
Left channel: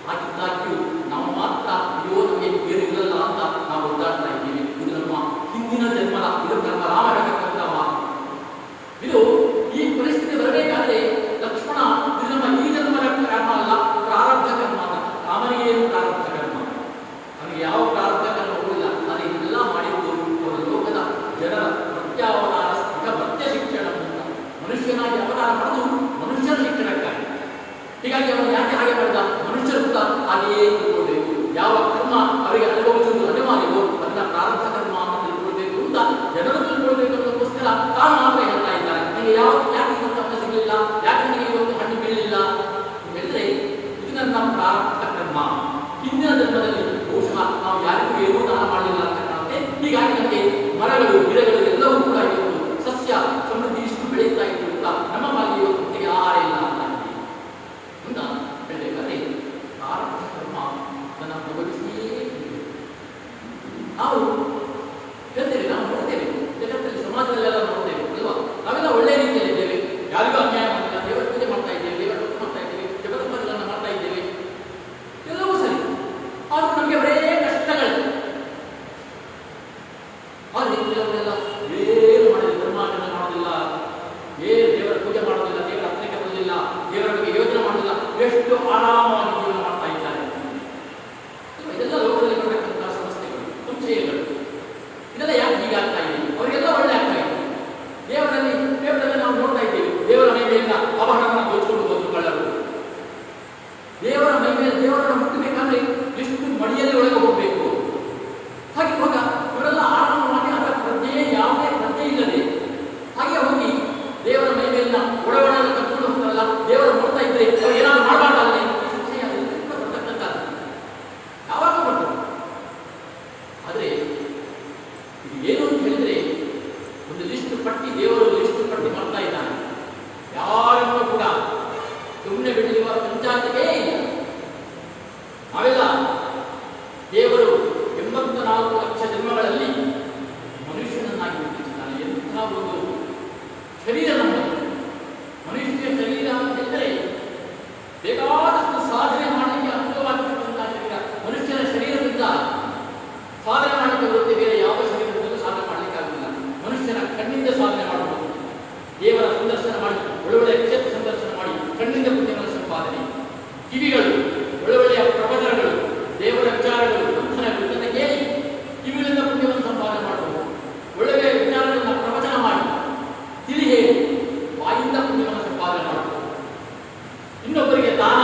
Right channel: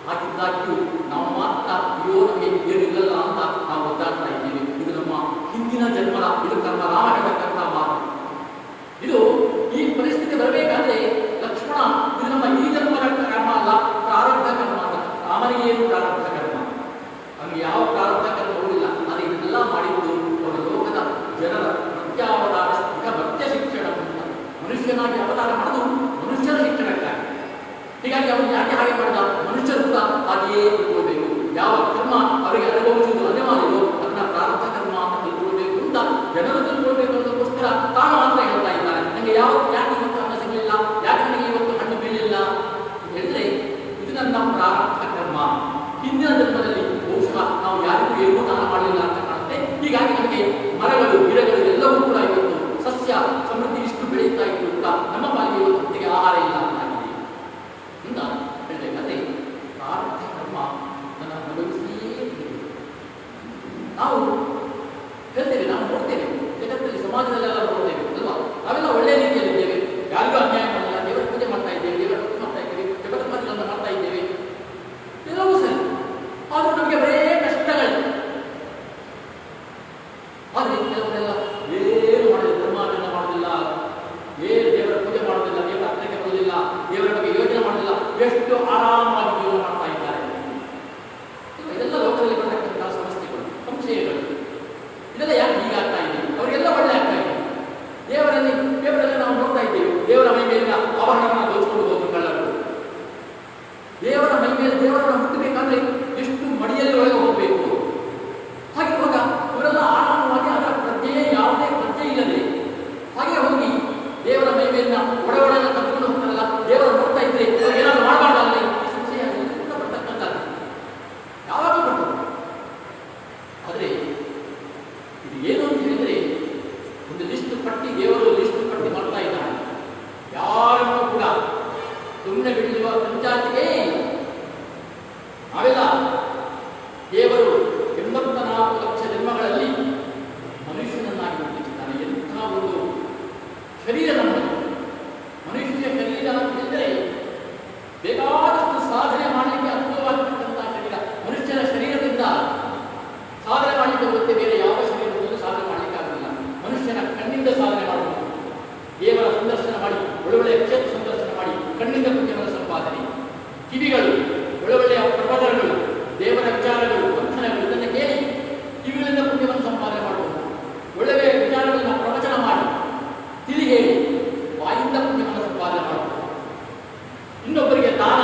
ಹಾಗಿದ್ದಾಗ್ಯೂ ನಾವು ಮಾತ್ರ ಅಯ್ಯೋ ನಮಗೆ ಏನಿಲ್ಲಲ್ಲ ಅಂತ ನಾವು ಒದ್ದಾಡ್ತಾ ಇದ್ದೀವಿ. ಇದು ನಮ್ಮ ಹಿಂದಿನ ಜನ್ಮದ, ಇದು ನಮ್ಮ ರಾಮ ಹೇಳತಕ್ಕಂಥ ಮಾತು. ಇದು ಈ ಪರಿಸ್ಥಿತಿ ಬರಬೇಕಾದ್ರೆ ಲಕ್ಷ್ಮಣ ಇದು ನಮ್ಮ ಈ ಜನ್ಮದ ಕರ್ಮ ಅಲ್ಲ, ಪ್ರಾರಬ್ಧ ಕರ್ಮ ಅಲ್ಲ. ರಾಮನಿಗೇನು ಪ್ರಾರಬ್ಧ ಕರ್ಮ? ನಮಗೆ ಯಾವ ಪ್ರಾರಬ್ಧ ಕರ್ಮ ಹೋಗಿಲ್ಲ. ನಾನು ಇದನ್ನೆಲ್ಲ ಮಾಡಿದ್ದು ಲೋಕದ ಜನರ ಪ್ರತ್ಯಾವತಾರ ಭಕ್ತ್ಯ ಶಿಕ್ಷಣ, ಮನುಷ್ಯನಾಗಿ ಅವತಾರ ಮಾಡೋದು ಮನುಷ್ಯನ ಶಿಕ್ಷಣಕ್ಕಾಗಿ. ಹೀಗಾಗಿ ಅವನು ಯಾಕೆ ಹಾಗೆ ಮಾಡಿದ? ಮನುಷ್ಯರು ಕೂಡ ಹಾಗೆಯೇ ತಿಳ್ಕೊಳ್ಬೇಕು. ಯಾವ ಕರ್ಮ ಅವರಿಗೆ ಅನುಭವಿಸುವುದು ಅನಿವಾರ್ಯವೋ ಅದನ್ನ ಪ್ರಾರಬ್ಧ ಕರ್ಮ ಅಂತ ತಿಳ್ಕೊಳ್ಬೇಕು ಅಂತ ಜನರು ತಿಳ್ಕೊಳ್ಬೇಕು ಅನ್ನೋದಕ್ಕೋಸ್ಕರ ತಾನು ಮಾತ್ರ ಹೇಳ್ತಾ ಇದ್ದಾರೆ. ನನಗೆ ಯಾಕೆ ಹಣ ಸಿಗಲಿಲ್ಲ, ಯಾಕೆ ನನಗೆ ಇವತ್ತು ಹಣ್ಣು ಬೀಳಲಿಲ್ಲ ಹೇಳಿದ್ರೆ ಇದು ನನ್ನ ಪ್ರಾರಬ್ಧ ಕರ್ಮ. ಹಿಂದಿನ ಜನ್ಮದಲ್ಲಿ ಬಹುಶಃ ನಾವು ಯಾರಿಗೂ ಏನೂ ದಾನ ಮಾಡಲಿಲ್ಲ ಅಂತ ಕಾಣುತ್ತೆ. ಹೀಗಾಗಿ ನಮಗೆ ಮರಗಳು, ಗಿಡಗಳು ಎಲ್ಲವೂ ಕೂಡ ಇವತ್ತು ಸಸ್ಯ ಸಮೃದ್ಧಿ ಇಷ್ಟು ಬೆಳೀತಾ ಇತ್ತು ಅಂತ ನಮ್ಮ ಮನೆಗೆ ಇವತ್ತು ಹೊತ್ತಿಗೆ ಆಹಾರ ಇಲ್ಲ ಅಂತ ಅಂತ ಹೇಳಬೇಕಾದ್ರೆ ಪ್ರಾರಬ್ಧ ಕರ್ಮ ನನ್ನ ಅನುಭವಿಸಿಯೇ ನಾವು ಹೇಳ್ತೇವೆ. ನಾವು ನೋಡ್ತೇವೆ ಜಗತ್ತಲ್ಲಿ, ಸಮಾಜದಲ್ಲೆಲ್ಲ ನೋಡ್ತೇವೆ ಅಲ್ವಾ? ನಾವೆಲ್ಲ ಒಳ್ಳೆ ರೀತಿಯಲ್ಲಿ ಇದ್ದೇವೆ, ಯಾರಿಗೂ ಅನ್ಯಾಯ ಮಾಡಿಲ್ಲ, ದೇವರ ಪೂಜೆ ಮಾಡ್ತಾ ಇದ್ದೇವೆ, ದೇವರ ಭಕ್ತಿ ಮಾಡ್ತಾ ಇದ್ದೇವೆ, ಜಗತ್ಪತಿಗಳನ್ನು ಮಾಡ್ತಾ ಇದ್ದೇವೆ, ಎಲ್ಲವೂ ಸರಿ. ಆದರೂ ನಮಗೆ ಬರೇ ಕಷ್ಟಗಳು. ಆದರೆ ಕೆಲವರೆಲ್ಲ ಏನು ಮಾಡಿಲ್ಲ, ಧರ್ಮಾಚರಣೆ ಮಾಡೋದಿಲ್ಲ, ದೇವರ ಪೂಜೆ ಮಾಡೋದಿಲ್ಲ, ದೇವರ ಹತ್ತಿರಕ್ಕೆ ಬರೋದಿಲ್ಲ, ದೇವರ ಬಗ್ಗೆ ಯೋಚನೆ ಮಾಡೋದಿಲ್ಲ, ಎಷ್ಟು ಆರಾಮವಾಗಿ ಜೀವನ ಮಾಡ್ತಾ ಇದ್ದಾರೆ. ಇದೆಲ್ಲ ಲೋಕದಲ್ಲಿ ಬರತಕ್ಕಂತಹ ಸಮಸ್ಯೆಗಳು, ಸಂಶಯಗಳು. ಇದು ಏನು ಅಂತ ಹೇಳಿದರೆ, ಒಂದು ಲಿಸ್ಟ್ ಪಟ್ಟಿ, ದೇವರು ಲಿಸ್ಟ್ ಪಟ್ಟಿ ಮಾಡ್ತಾ ಇದ್ದಾನೆ. ಯಾರನ್ನೂ ಕೂಡ ಸುಮ್ಮನೆ ಬಿಡುವ ಪಂಚಾಯತಿಗೆ ಇಲ್ಲ. ನಾವೆಲ್ಲ ದೇವರು 84 ಲಕ್ಷ ಜನ್ಮಗಳಲ್ಲಿ ಮನುಷ್ಯನನ್ನಾಗಿ ರೂಪಿಸಿದ್ದಾನೆ. ಎಂಥ ಒಂದು ಶರೀರ ನಮ್ಮಲ್ಲಿ. ಮನುಷ್ಯ ಶರೀರ ಎಂದರೆ ಬೇಕಾದಷ್ಟು ಸಾಧನೆ ಮಾಡಲಿಕ್ಕೆ ಅನುಕೂಲವಾಗಿರ್ತಕ್ಕಂಥ ಶರೀರ. ಮನುಷ್ಯನ ಶರೀರದಿಂದ ಸಾಧನೆ ಮಾಡಿದ ಗೊತ್ತೇ ಬೇರೆ ಯಾವ ಶರೀರದಲ್ಲೂ ಸಾಧನೆ ಮಾಡಲಿಕ್ಕಾಗಲಿಲ್ಲ. ಮನುಷ್ಯನ ಕಣ್ಣಿಂದ ಸಾಧನೆ ಮಾಡಬಹುದು. ದೇವರ ಸಂದರ್ಶನ ಮಾಡಿ, ಒಳ್ಳೊಳ್ಳೆಯ ಕ್ಷೇತ್ರ ಸಂದರ್ಶನ ಮಾಡಿ ಕಣ್ಣಿಂದ ಪುಣ್ಯಗಳ ಸಂಪಾದನೆ. ಕಿವಿಗಳು ಒಳ್ಳೊಳ್ಳೆಯ ಪ್ರವಚನಗಳು, ದೇವರ ವಿಚಾರಗಳು, ವಂಚನೆಗಳು ಇದನ್ನು ಕೇಳಿ ಕಿವಿಗಳಿಂದ ಪುಣ್ಯವನ್ನು ಸಂಪಾದನೆ ಮಾಡಬಹುದು. ಒಳ್ಳೆಯ ವಿಚಾರಗಳನ್ನು ಪ್ರವಚನ ಮಾಡಿ ತಿಳಿ ಹೇಳಿ ಬಾಯಿಂದ ಪುಣ್ಯವನ್ನು ಸಂಪಾದನೆ ಮಾಡಬಹುದು. ಇನ್ನೊಬ್ಬರಿಗೆ ದಾನ,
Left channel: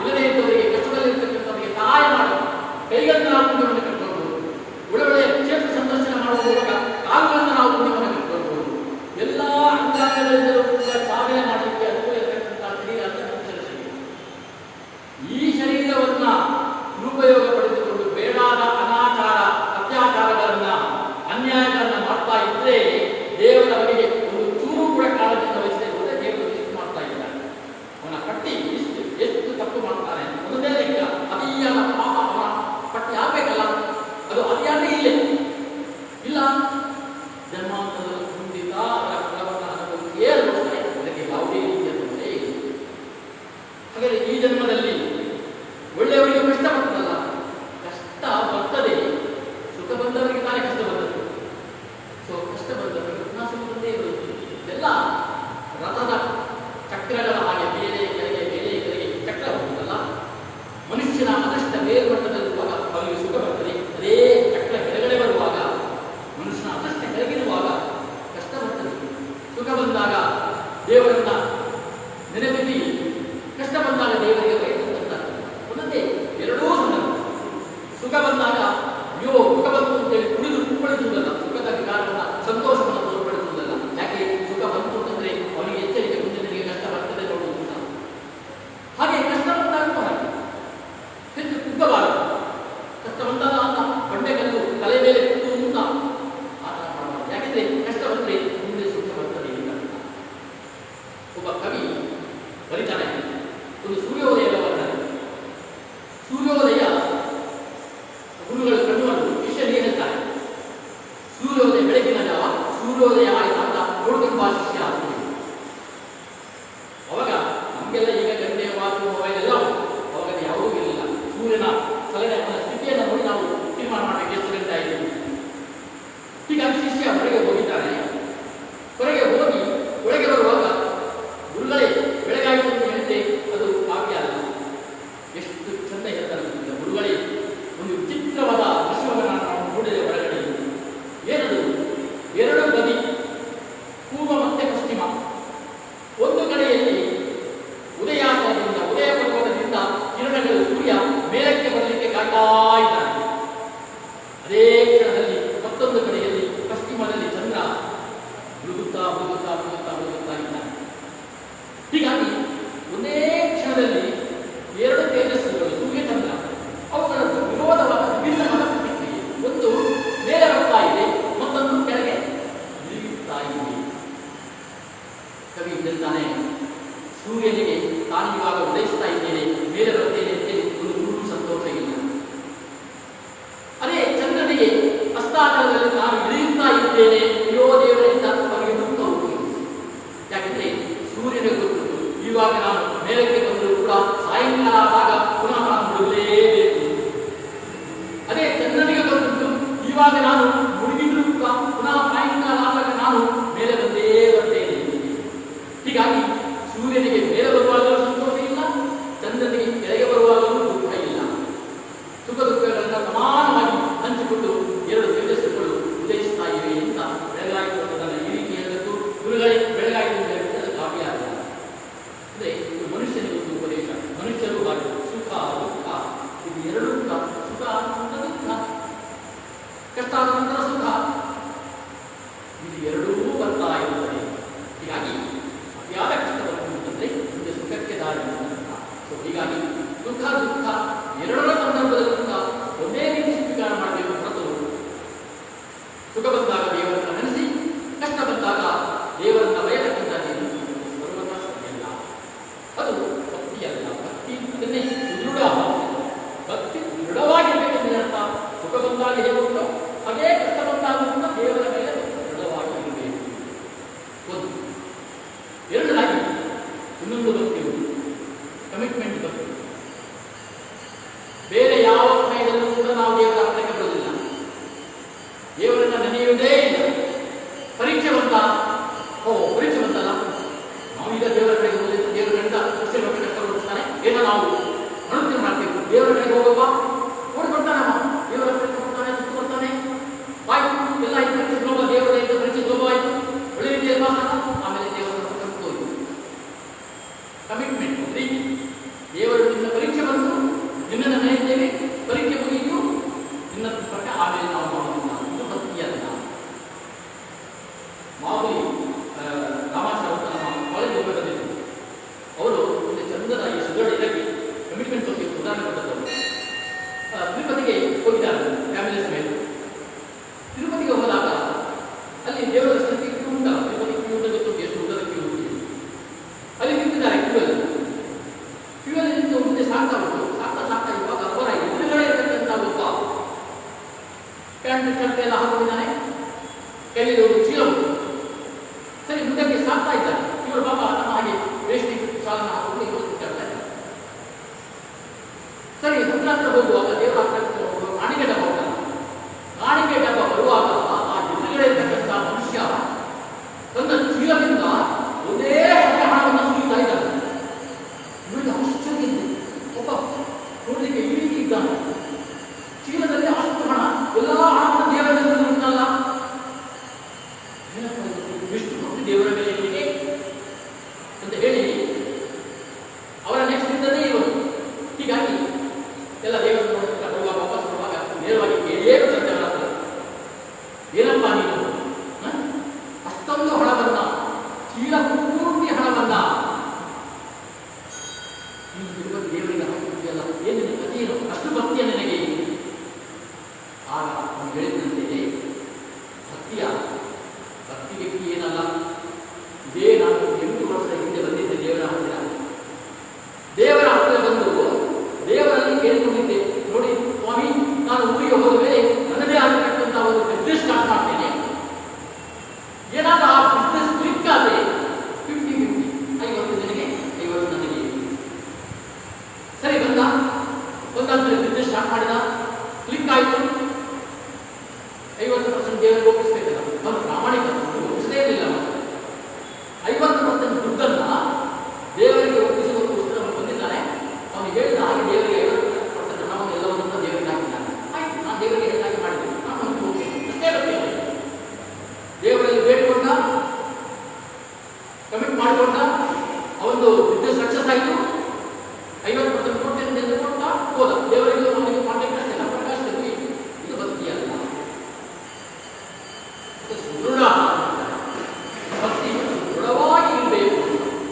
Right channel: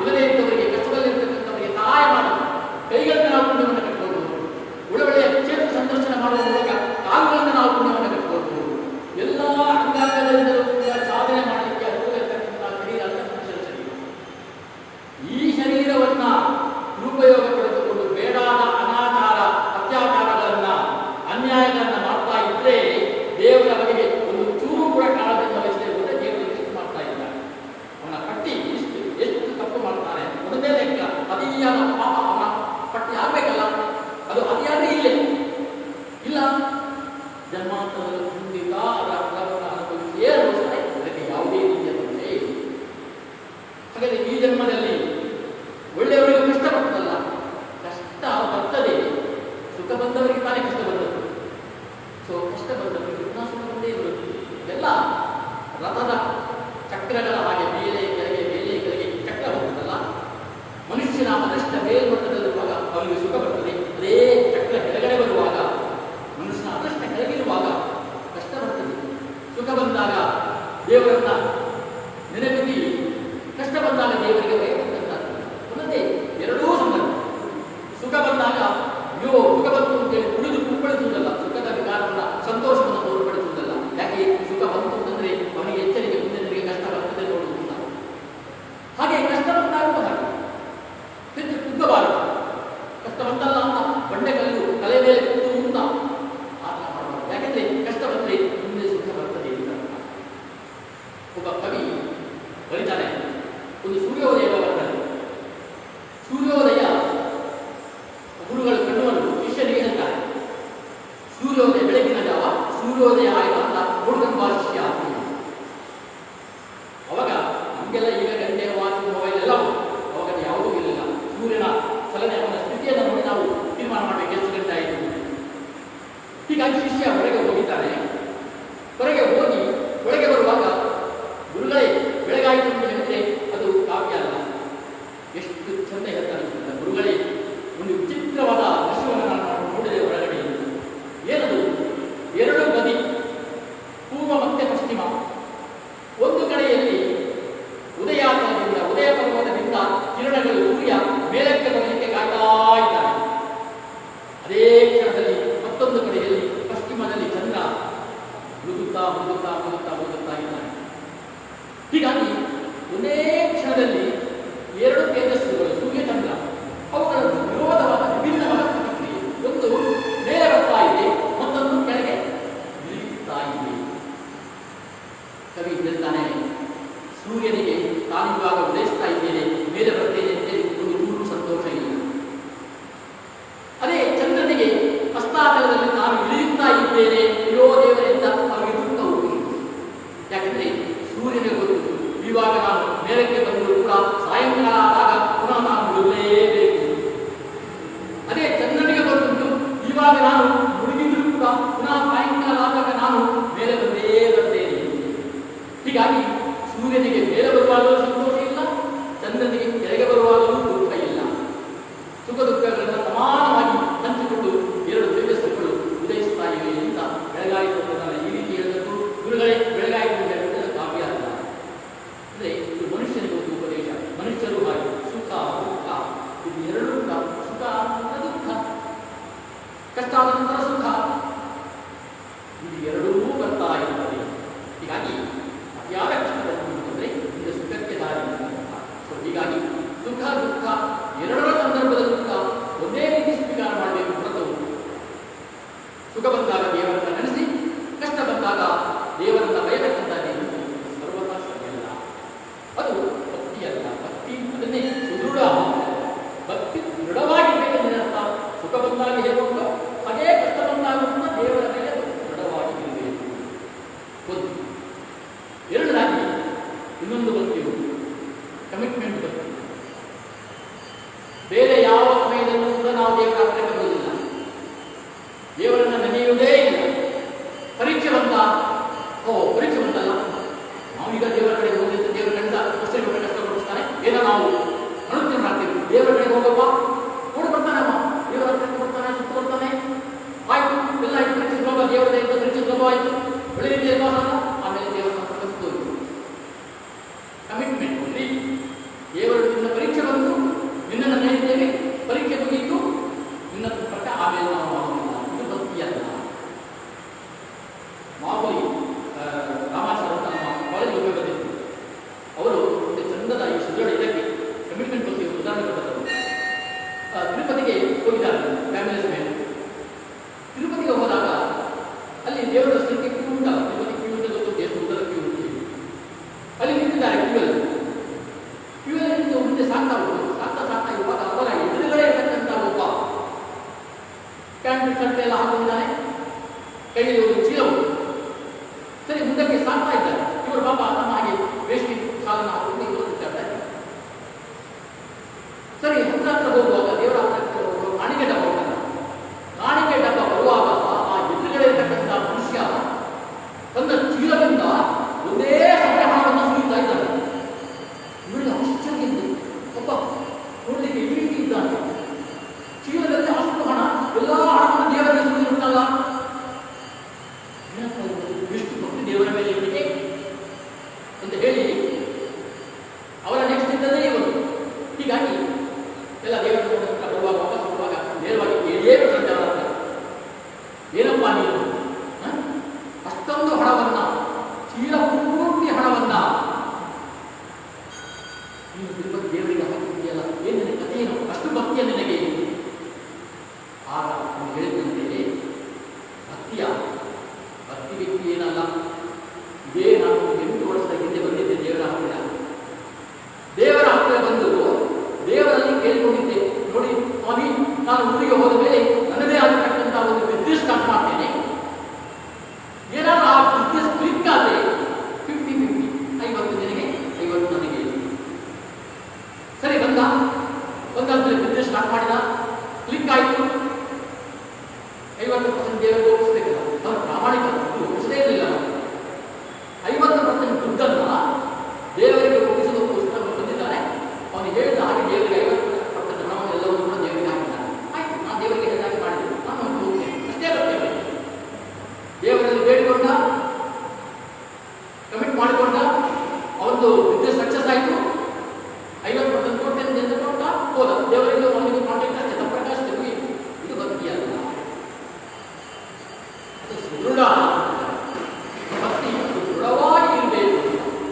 ಇಲ್ಲದೇ ಇದ್ದವರಿಗೆ, ಕಷ್ಟದಲ್ಲಿರ್ತಕ್ಕಂಥವರಿಗೆ ಸಹಾಯ ಮಾಡಬಹುದು. ಕೈಗಳಿಂದ ನಾವು ಪುಣ್ಯವನ್ನು ಕಟ್ಕೊಳ್ಬಹುದು. ಒಳ್ಳೊಳ್ಳೆಯ ಕ್ಷೇತ್ರ ಸಂದರ್ಶನ ಮಾಡುವಾಗ ಕಾಲುಗಳಿಂದ ನಾವು ಪುಣ್ಯವನ್ನು ಕಟ್ಕೊಳ್ಬಹುದು. ಎಲ್ಲ ಅಂಗಾಂಗಗಳಿಂದಲೂ ಕೂಡ ಸಾಧನೆ ಮಾಡಲಿಕ್ಕೆ ಅನುಕೂಲ ಇರತಕ್ಕಂಥ ಶರೀರ ಮನುಷ್ಯನ ಶರೀರ. ಈ ಶರೀರವನ್ನ ದುರುಪಯೋಗ ಪಡೆದುಕೊಂಡು ಬೇಡಾದ ಅನಾಚಾರ, ಅತ್ಯಾಚಾರಗಳನ್ನ, ಅನ್ಯಾಯಗಳನ್ನ ಮಾಡ್ತಾ ಇದ್ರೆ ದೇವರ ಬಗೆಗೆ ಒಂದು ಚೂರು ಕೂಡ ಕಾಳಜಿಯಿಂದ ವಹಿಸದೇ ಹೋದರೆ ದೇವರು ಲಿಸ್ಟ್ ಮಾಡ್ತಾ ಇದ್ದಾರೆ. ಅವನ ಪಟ್ಟಿ ಎಷ್ಟು ತಪ್ಪು ಮಾಡ್ತಾನೆ ಒಂದೇ ಲೆಕ್ಕ. ಅತಿಯಾದ ಪಾಪ ಅವನ ಪಟ್ಟಿ ಆಗ್ಬೇಕಲ್ಲ, ಅದು ಅತಿಯಾದ್ರೆ ಇಲ್ಲ ಜನ್ಮಾಂತರದ ಮುಂದಿಲ್ಲ ಅದರ ಫಲವನ್ನು ಅನುಭವಿಸಿಯೇ ಅನುಭವಿಸ್ತಾರೆ. ಇದಕ್ಕೆ ಯಾವುದೇ ರೀತಿಯ ತೊಂದರೆ ಇಲ್ಲ. ಹಾಗಾದರೆ ಈ ಜನ್ಮದಲ್ಲಿ ಒಳ್ಳೆಯವರಿಗೆ ಕಷ್ಟ ಬರ್ತಲ್ಲ, ಕಷ್ಟ ಬರ್ತದೆ. ಸುಖ ಬಂದವರಿಗೆ ತಾನೇ ಕಷ್ಟ ಬರ್ತದೆ. ಸೊ ಕಷ್ಟ ಬಂದವರಿಗೆ ಪುನಃ ಸುಖ ಬಂದೇ ಬರುತ್ತದೆ. ಇದೆಲ್ಲ ರಥದ ಚಕ್ರಗಳ ಹಾಗೆ ಮೇಲೆ ಕೆಳಗೆ ಮೇಲೆ ಕೆಳಗೆ ಚಕ್ರ ಹೋಗುತ್ತಲ್ಲ. ಮನುಷ್ಯನ ಅದಷ್ಟ ಮೇಲ್ಮಟ್ಟದಲ್ಲಿರುವಾಗ ಅವನಿಗೆ ಸುಖ ಬರ್ತದೆ. ಅದೇ ಚಕ್ರ ಕೆಳಗಡೆ ಬರುವಾಗ, ಮನುಷ್ಯನ ಅದಷ್ಟ ಕೆಳಗಿರುವಾಗ ಕಷ್ಟ ಬರ್ತದೆ. ಸುಖ ಬಂದಾಗ ದೇವರನ್ನ ನೆನಪಿಸಿ, ಕಷ್ಟ ಬಂದಾಗ ದೇವರಿಗೆ ಒಂದೇ ಎರಡೂ ಸಂದರ್ಭ. ಸುಖ ಬಂದಾಗ ಅಯ್ಯೋ ಸುಖ ಬಂತು ಅಂತೇಳಿ ಕುಡಿದು ಕುಪ್ಪಳಿಸುವುದಲ್ಲ, ಸುಖದ ವಿಕಾರವನ್ನು ಸಂತೋಷವನ್ನು ತೋರ್ಪಡಿಸುವುದಲ್ಲ. ಯಾಕೆ ಸುಖ ಬಂತು ಅಂತಂದ್ರೆ ಅವನಿಗೆ ಎಚ್ಚರಿಕೆ, ಮುಂದಿನರಿಗೆ ಕಷ್ಟ ಬರ್ತದೆ ನೋಡುವುದಿಲ್ಲ. ಹಾಗೆ ಕಷ್ಟ ಬಂದಾಗ ಹೆಚ್ಚು ಕುಗ್ಗಬಾರದು. ಕಷ್ಟ ಬಂದಾಗ ಅಂತ ಬಂಡೆಕಲ್ಲು ತಲೆ ಮೇಲೆ ಕೂತು ಅಂತ ಆಟ ಮಾಡಬಾರದು. ಯಾಕೆಂದ್ರೆ ಕಷ್ಟ ಬಂದ್ರೆ ಮುಂದೆ ಸುಖ ಬರ್ತದೆ ಅಂತ. ಒಬ್ಬ ಕವಿ ಬರೀತಾನೆ, ಒಂದು ಸೂರ್ಯೋದಯ ವರ್ಣನೆ. ಸೂರ್ಯೋದಯ ಗುರುಗಳು ಕಣ್ಣುಗಳು ಶಿಷ್ಯನಿಗೆ ಹೇಳ್ತಾರೆ, ಸೂರ್ಯೋದಯ ಬೆಳಗಿನ ಜಾವ ಸೂರ್ಯೋದಯ ಆಯಿತು ಅಂತ ಹುಡುಗನ ಶಿಷ್ಯ ಆಗ್ತದೆ. ಅವಾಗ ನಮಗೆಲ್ಲ ಈಗ ಗಂಟೆ, ವಾಚ್, ಮೊಬೈಲ್ ಎಲ್ಲ ಅವಾಗ ಯಾವುದೂ ಇರಲಿಲ್ಲ. ಸೂರ್ಯನ ಚಲನೆ, ಅವನ ಸ್ಥಿತಿಯನ್ನು ನೋಡಿ ನಾವು ತೀರ್ಮಾನ ಮಾಡಲಿಕ್ಕೆ ಎಷ್ಟು ಗಂಟೆ ಆಯಿತು. ಹೀಗಾಗಿ ಶಿಷ್ಯ ಹೊರಗೆ ಹೋಗಿದ್ದಾರೆ. ಹೊರಗೆ ಹೋಗಿ ಒಳಗೆ ಬರುವಾಗ ಗುರುಗಳೇ ಬೆಳಗಾಯಿತು ಅಂತ ಹೇಳಿದ್ರೆ ಅದು ಕಾವ್ಯ ಅಲ್ಲ. ಎಷ್ಟು ಚಂದ ಹೇಳ್ತಾರೆ ಗುರುಗಳೇ. ಒಂದು ವಿಚಿತ್ರವಾದ ದೃಶ್ಯವನ್ನು ನಾನು ನೋಡಿದೆ ಹೊರಗಡೆ. ಏನದು? ಎರಡು ಬದಿ, ಪೂರ್ವ ಮತ್ತೆ ಪಶ್ಚಿಮ. ಒಂದು ಕಡೆಯಲ್ಲಿ ಉದಯಾಚರಣೆಯಿಂದ, ಉದಯ ಪರ್ವತದಿಂದ ಕಿರಣಗಳು ಸೂರ್ಯ ಮೇಲಕ್ಕೆ ಬರಲಿಕ್ಕೆ ಕಾಯ್ತಾ ಇದ್ದಾನೆ. ಅದೇ ಕ್ಷಣದಲ್ಲಿ ಮತ್ತೊಂದು ಕಡೆಯಲ್ಲಿ ಪಶ್ಚಿಮದಲ್ಲಿ ಚಂದ್ರ ಮುದುತ್ತಾ ಮುದುತ್ತಾ ಮುದುತ್ತಾ ಮುದುತ್ತಾ ಇದ್ದಾನೆ. ಹೀಗಾಗಿ ಒಂದೇ ಕ್ಷಣದಲ್ಲಿ ಎರಡು ತೇಜಸ್ಸುಗಳು, ಸೂರ್ಯ ಚಂದ್ರ, ಅವುಗಳ ವಿರೋಧವಾದ ವಿಭಿನ್ನವಾದ ಪ್ರತಿಕ್ರಿಯೆ. ಒಂದು ಮೇಲೆ ಬರ್ತಾ ಇದೆ, ಮತ್ತೊಂದು ಕೆಳಗೆ ಇಳಿಯುತ್ತಾ ಇದೆ. ಕವಿ ಹೇಳ್ತಾನೆ, ಸೂರ್ಯನಿಗೆ ನಾನು ಇವಾಗ ಉದಯಿಸ್ತಾ ಇದ್ದೇನೆ, ಮೇಲೆ ಬರ್ತೇನೆ ಅಂತೇಳಿ ಒಂದು ನೂರು ಸಂತೋಷ ಇಲ್ಲ. ಅದೇ ಚಂದ್ರನಿಗೆ ಅಸ್ತಾಚಲದಲ್ಲಿ ನಾನು ಇಳಿಯುತ್ತಾ ಇದ್ದೇನೆ, ಇರೋ ದೇವರಿಂದ ಅವರಿಗೆ ದುಃಖ ಹೋಗಿ. ಯಾಕೆಂದ್ರೆ ಸೂರ್ಯನಿಗೆ ಗೊತ್ತು, ಇವಾಗ ನಾನು ಮೇಲಕ್ಕೆ ಬಂದರೂ ಕೂಡ ಸಾಯಂಕಾಲ ಆದಾಗ ಪುನಃ ನಾನು ಬಿಡಲೇಬೇಕು. ಅದೇ ಚಂದ್ರನಿಗೆ ಗೊತ್ತುಂಟು, ಇವಾಗ ನಾನು ಮುಳುಗಿದ್ರು ಕೂಡ ಪುನಃ ಸಾಯಂಕಾಲ ಆದಾಗ ನಾನು ಮೇಲೆ ಬಂದೇ ಬರ್ತೇನೆ. ಹೀಗಾಗಿ ಸೂರ್ಯನಿಗೆ ಮೇಲೆ ಬರುವಾಗಲೂ ಸಂತೋಷ ಇಲ್ಲ, ಚಂದ್ರನಿಗೆ ಕೆಳಗೆ ಬರುವಾಗಲೂ ದುಃಖ ಇಲ್ಲ. ಸುಖ ದುಃಖಗಳನ್ನು ಸಮಾನವಾಗಿ ಹಂಚಿಕೊಂಡು ಎರಡು ತೇಜಸ್ಸುಗಳು ಉದಯಿಸ್ತಾ ಇವೆ ಅಂತ ಬೆಳಗಾಯಿತು. ಈ ರೀತಿಯಲ್ಲೂ ಗುರುಗಳೇ ಬೆಳಗಾಯಿತು ಹೇಳುತ್ತದೆ ಕಾವ್ಯ ಅಲ್ಲ. ಅಂದರೆ ಇದು ಮನುಷ್ಯನಿಗೆ ಒಂದು ಉಪದೇಶ. ಮನುಷ್ಯರು ಹಾಗೆ ಸುಖ ದುಃಖ ಇದು ಎರಡೂ ಕೂಡ, ಸುಖ ನಂತರ ದುಃಖ, ಕಷ್ಟ ಆದ ನಂತರ ಸುಖ, ಇದು ಎರಡೂ ಬರ್ತಾ ಇರುತ್ತದೆ. ಹೀಗಾಗಿ ಅತಿಯಾದ ಕಷ್ಟ ಬರುವುದಂದ್ರೆ ಮುಂದೆ ಸುಖಕ್ಕೆ ದಾರಿ ಅಂತ. ಸೊ ಹೀಗಾಗಿ ಸುಖ ದುಃಖ ಎರಡರ ಸಂದರ್ಭದಲ್ಲೂ ಕೂಡ ಒಂದೇ ರೀತಿ ಸ್ವೀಕಾರ ಮಾಡಬೇಕು ಹೊರತು ಸುಖ ಎಲ್ಲ ಹಾಕಿದ್ದಾನೆ, ಕೈಯಲ್ಲಿ ಒಂದು ಚೀಲ ಉಂಟು. ಸರಿ, ಮುಂದಕ್ಕೆ ಸಾಕ್ತಾ ಇದ್ದಾರೆ. ಇವರು ಪಾಪ ನಮ್ಮ ಹಾಗೆ ವೇಷ್ಟಿ ಸಾಲನ್ನು ಹಾಕೊಂಡು ಇವತ್ತು ಕೇಳ್ತಾ ಇದ್ದಾರೆ. ಸರಿ, ಹತ್ರ ಹೋಗುವಾಗ ದೇವರ ಕಾಣಿಕೆ ಡಬ್ಬ ಉಂಟಲ್ಲ, ಕಾಣಿಕೆ ಡಬ್ಬ ಬರುವಾಗ ಆ ಎದುರುಗಡೆ ಇರ್ತಕ್ಕಂಥ ಮನುಷ್ಯ ತನ್ನ ಚೀಲದಿಂದ ಒಂದೇ ಹಣೆ ಹಣವನ್ನು ಸುರಿತಾ ಇದ್ದಾನೆ. ನೋಡಿ ಆಶ್ಚರ್ಯ, ಒಬ್ಬ ನೋಡಲಿಕ್ಕೆ ಈ ರೀತಿ ಇದ್ದಾನೆ, ಚೀಲದಲ್ಲಿ ಅಷ್ಟು ಹಣ, ಎಲ್ಲ ಹಣವನ್ನು ದೇವರ ಮೇಲೆ ಉಂಟಲ್ಲ, ಎಷ್ಟು ಭಕ್ತಿ ದೇವರ ಮೇಲೆ ಇರಲಿಕ್ಕೆ ಅಂತ ಹೇಳಿ ಅವರ ನೆಕ್ಸ್ಟ್ ಇದ್ದದೇ ಇವರು. ಹೀಗಾಗಿ ಎಲ್ಲ ದೇವರ ಬರುವಾಗ ವಾಪಸ್ ಬರುವಾಗ ನೇರವಾಗಿ ಏನು ಸಂಚಾರ ಏನಪ್ಪ ನೀನು ಅಷ್ಟೊಂದು ಹಣವನ್ನ, ಚೀಲ ಪೂರ್ತಿ ಹಣವನ್ನ ನೀನು ತಿರುಪತಿ ದೇವರಿಗೆ ಹಾಕಿದೆಯಲ್ಲ, ಏನು ನಿನ್ನ ಕಥೆಯೇನು, ಅಷ್ಟು ಭಕ್ತಿಯ ನನಗೆ. ಆಗ ನೀವು ಹೇಳಿದಂತೆ ಭಕ್ತಿ ವ್ಯಕ್ತಿ ಏನಲ್ಲ, ಇದೇ ನಾನು 8 ವರ್ಷದ ಹಿಂದೆ ಬಂದಿದ್ದೆ ದೇವರ ಹತ್ತಿರ ಬಂದು ದೇವರಲ್ಲಿ ಕೇಳಿಕೊಂಡಿದ್ದೆ, ನೋಡಿ ಸ್ವಾಮಿ, ನಾನು ಊರಿಗೆ ಹೋದ ಮೇಲೆ ನನ್ನದೇ ಆಗಿರ್ತಕ್ಕಂಥ ಒಂದು ಬಿಸ್ನೆಸ್ ಸ್ಟಾರ್ಟ್ ಮಾಡ್ತೇನೆ, ಏನಾದ್ರೂ ಆ ಬಿಸ್ನೆಸ್ ಕ್ಲಿಕ್ ಆದರೆ 50-50, 50 ನಿನಗೆ 50 ನನಗೆ. ಸರಿ, ಒಂದಾದ್ಮೇಲೆ ಬಿಸ್ನೆಸ್ ಸ್ಟಾರ್ಟ್ ಮಾಡಿದ, ಕ್ಲಿಕ್ ಆಯಿತು, 50% ದೇವರಿಗೆ ಒಪ್ಪಿಸಬೇಕಲ್ಲ, ನಮ್ಮ ಪ್ರಾಮಾಣಿಕ ಒಪ್ಪಿಸದೇ ಇರಲಿಲ್ಲ. 50% ದುಡ್ಡನ್ನು ದೇವರಿಗೆ ಒಪ್ಪಿಸುವ ಪುಸ್ತಕವನ್ನು ಬಂದಿದ್ದಾನೆ. ಅವನು ಹೇಳಿದ ಹಾಗೆ ದೇವರಿಗೆ 50% ಹಣವನ್ನು ಎಲ್ಲವನ್ನೂ ದೇವರಿಗೆ ಹಾಕಿದ್ದಾನೆ. ಆಯ್ತು, ನಾನು ದೇವರಿಗೆ ಹೇಳಿದಾಗೆ ಮಾಡಿದ್ದೇನೆ, ನಾನು ಹೋಗ್ತೇನೆ, ಅಷ್ಟೇ ಬರ್ತೇನೆ. ದೇವರಲ್ಲಿ ಬೇಡಿಕೊಂಡ, ಕಮಿಟ್ ಮಾಡಿಕೊಂಡ, ಅವನು ಬಿಸ್ನೆಸ್ ಸಕ್ಸಸ್ ಆಯಿತು, 50% ಕೊಟ್ಟೆ ಕೊಟ್ಟ, ಹೋದ. ದೇವರಿಗೆ ಅವನಿಗೆ ಕಾಂಟ್ಯಾಕ್ಟ್ ಜನಪ್ರಕಾಶ ಮುಗಿಯಿತು. ಇದು ಭಕ್ತಿ ಅಲ್ಲ, ಅದು ಸುದೃಢ ಭಕ್ತಿ. ದೃಢವಾಗಿ ಇರಬೇಕು,